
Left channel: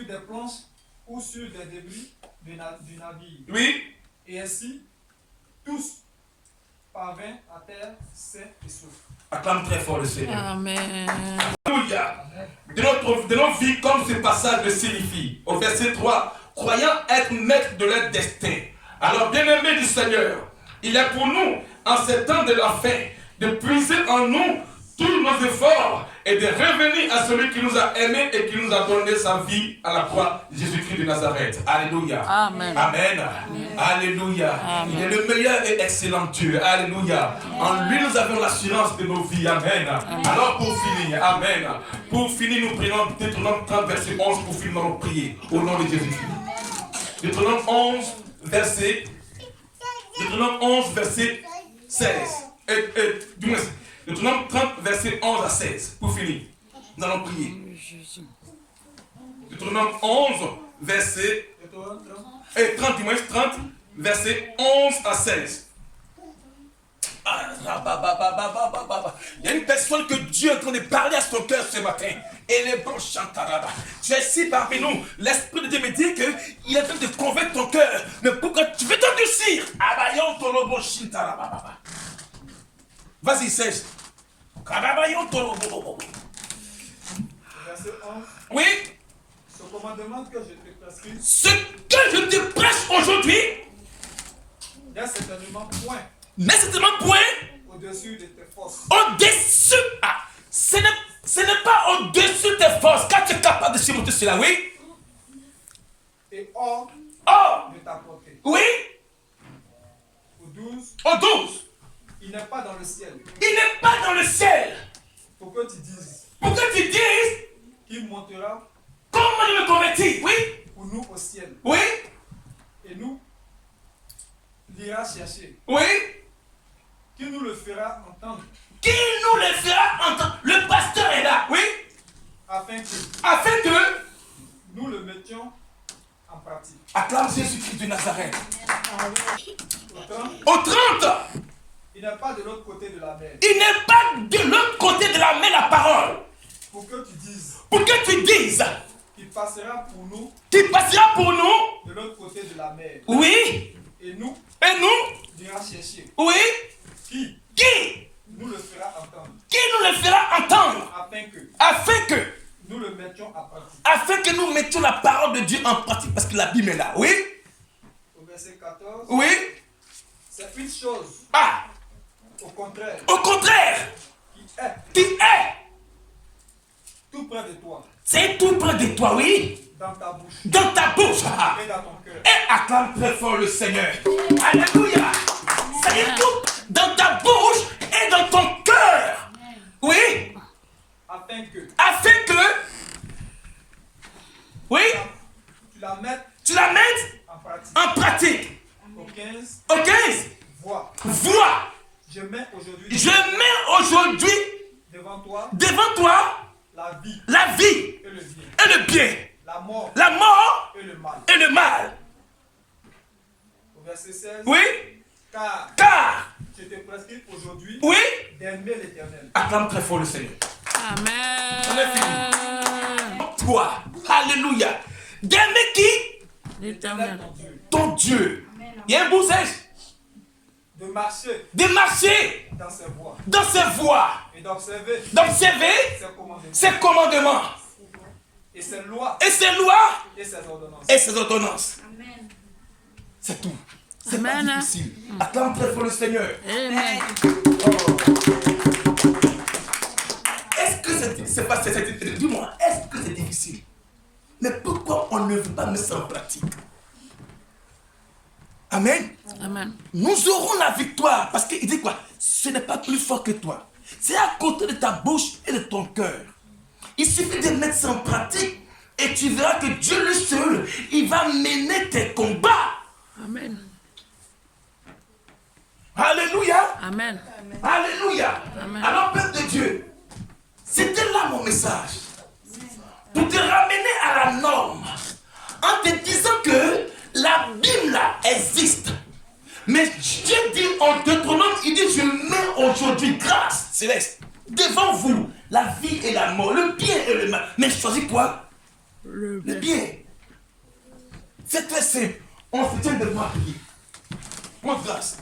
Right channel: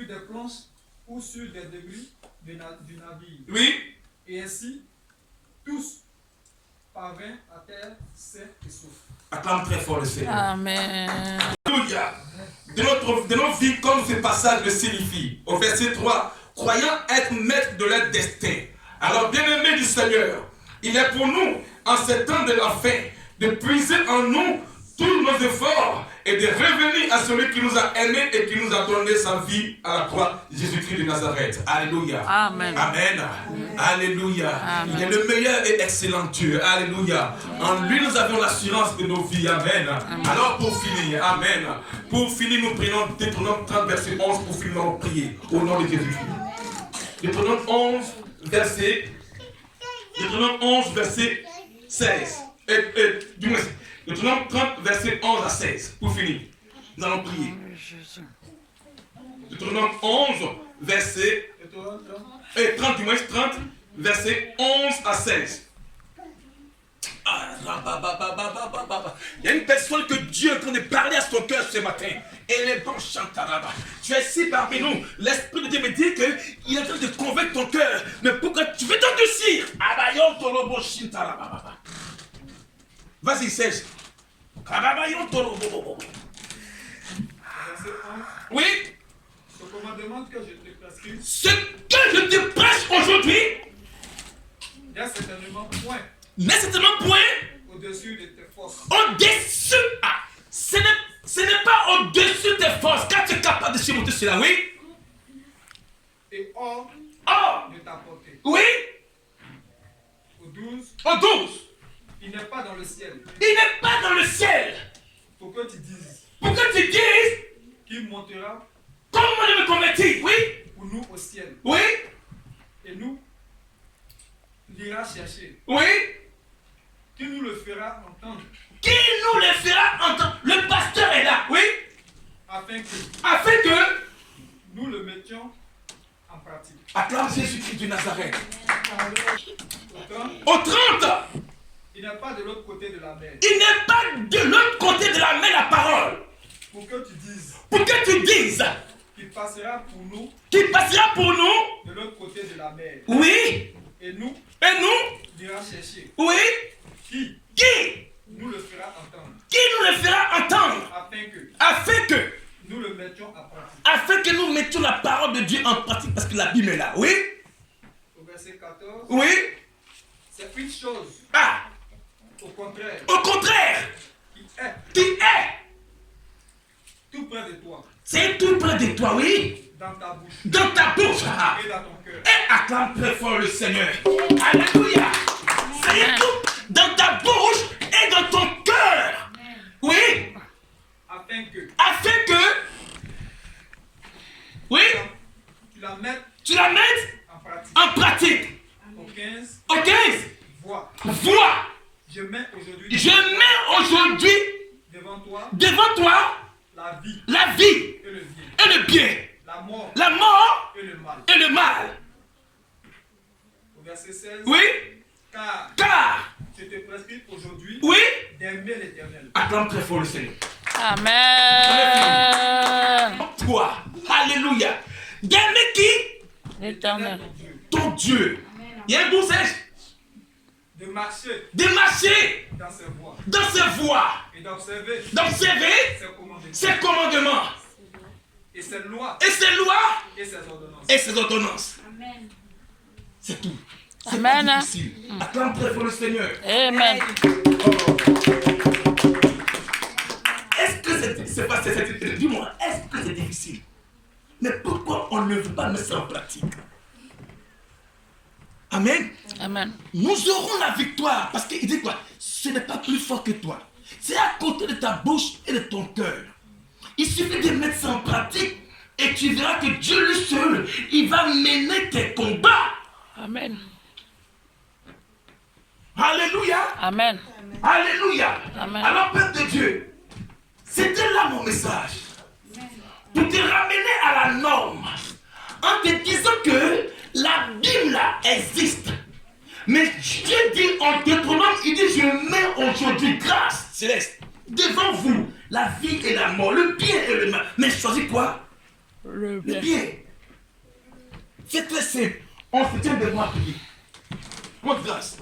des planches ou sur des débris du navire. Oui. Et ainsi, tous parvinrent à terre sains et saufs. Acclame très fort le Seigneur. Amen. Alléluia. De nos vies, comme ce passage le signifie, au verset 3, croyant être maîtres de leur destin. Alors, bien-aimés du Seigneur, il est pour nous, en ces temps de la fin, de puiser en nous tous nos efforts et de revenir à celui qui nous a aimés et qui nous a donné sa vie à la croix, Jésus-Christ de Nazareth. Alléluia. Amen. Amen. Alléluia. Amen. Il est le meilleur et excellent Dieu. Alléluia. En lui, nous avons l'assurance de nos vies. Amen. Alors, pour finir, Amen. Pour finir, nous prenons Deutéronome 30, verset 11 pour finir notre prière. Au nom de Jésus-Christ. Deutéronome 11, verset 16. Deutéronome 30, verset 11 à 16. Pour finir, nous allons prier. Deutéronome 11, verset 30, verset 11 à 16. Il y a une personne que Dieu est en train de parler à son cœur ce matin. Et les bons chantent là-bas. Tu es ici parmi nous. L'Esprit de Dieu me dit qu'il est en train de convaincre ton cœur. Mais pourquoi tu veux t'endurcir? Vas-y, Serge. Verset 11. Oui. Ce commandement que je te prescris, Ce que je te prêche aujourd'hui, n'est certainement point n'est certainement point au-dessus de tes forces. au-dessus. Ah, ce n'est pas au-dessus de tes forces. Quand tu es capable de surmonter cela, oui. Et hors Oh, de ta portée. oui. Au 12. Au 12. Il n'est pas dans le ciel. Il n'est pas dans le ciel. Pour que tu dises Pour que tu dises, qu'il montera comment je me convertis, oui. pour nous au ciel. Oui. Et nous l'ira chercher. Oui. Qui nous le fera entendre. Qui nous le fera entendre? Le pasteur est là, oui. Afin que nous le mettions en pratique. Acclame Jésus-Christ de Nazareth. Au 30, Au 30. il n'est pas de l'autre côté de la mer. Il n'est pas de l'autre côté de la mer la parole. Pour que tu dises Pour que tu dises qu'il passera pour nous qu'il passera pour nous. de l'autre côté de la mer. Oui. Et nous l'ira chercher. Oui. Qui Qui nous le fera entendre. Qui nous le fera entendre. Afin que nous le mettions en pratique. Afin que nous mettions la parole de Dieu en pratique. Parce que la Bible est là. Oui. Au verset 14. Oui. C'est une chose. Ah. Au contraire. Au contraire. Qui est tout près de toi. C'est tout près de toi, oui. Dans ta bouche. Dans ta bouche. Et dans ton cœur. Et acclame très fort le Seigneur. Alléluia. Ça y est tout. Dans ta bouche et dans ton cœur. Oui. Afin que. Oui. Tu la mettes en pratique. Au 15. Vois. Je mets aujourd'hui devant toi la vie et le bien. La mort et le mal. Au verset 16. Oui. Car je te prescris aujourd'hui oui. d'aimer l'Éternel. Acclame très fort le Seigneur. Amen. Toi. Alléluia. D'aimer qui? L'Éternel. Ton Dieu. Il y a un beau sèche. De marcher dans ses voies. Et d'observer ses commandements. Et ses lois. Et ses ordonnances. Amen. C'est tout. Amen. Pas difficile. Acclame très fort le Seigneur. Amen. Est-ce que c'est pas dis-moi, est-ce que c'est difficile? Mais pourquoi on ne veut pas mettre ça en pratique? Amen. Amen. Nous aurons la victoire. Parce qu'il dit quoi? Ce n'est pas plus fort que toi. C'est à côté de ta bouche et de ton cœur. Il suffit de mettre ça en pratique et tu verras que Dieu le seul, il va mener tes combats. Amen. Alléluia. Amen. Alléluia. Amen. Alors, Peuple de Dieu, c'était là mon message. Pour te ramener à la norme. En te disant que la Bible là existe. Mais Dieu dit en Deutéronome, il dit je mets aujourd'hui grâce céleste devant vous la vie et la mort, le bien et le mal. Mais choisis quoi? Le bien. C'est très simple. On se tient devant la prière. Mon grâce.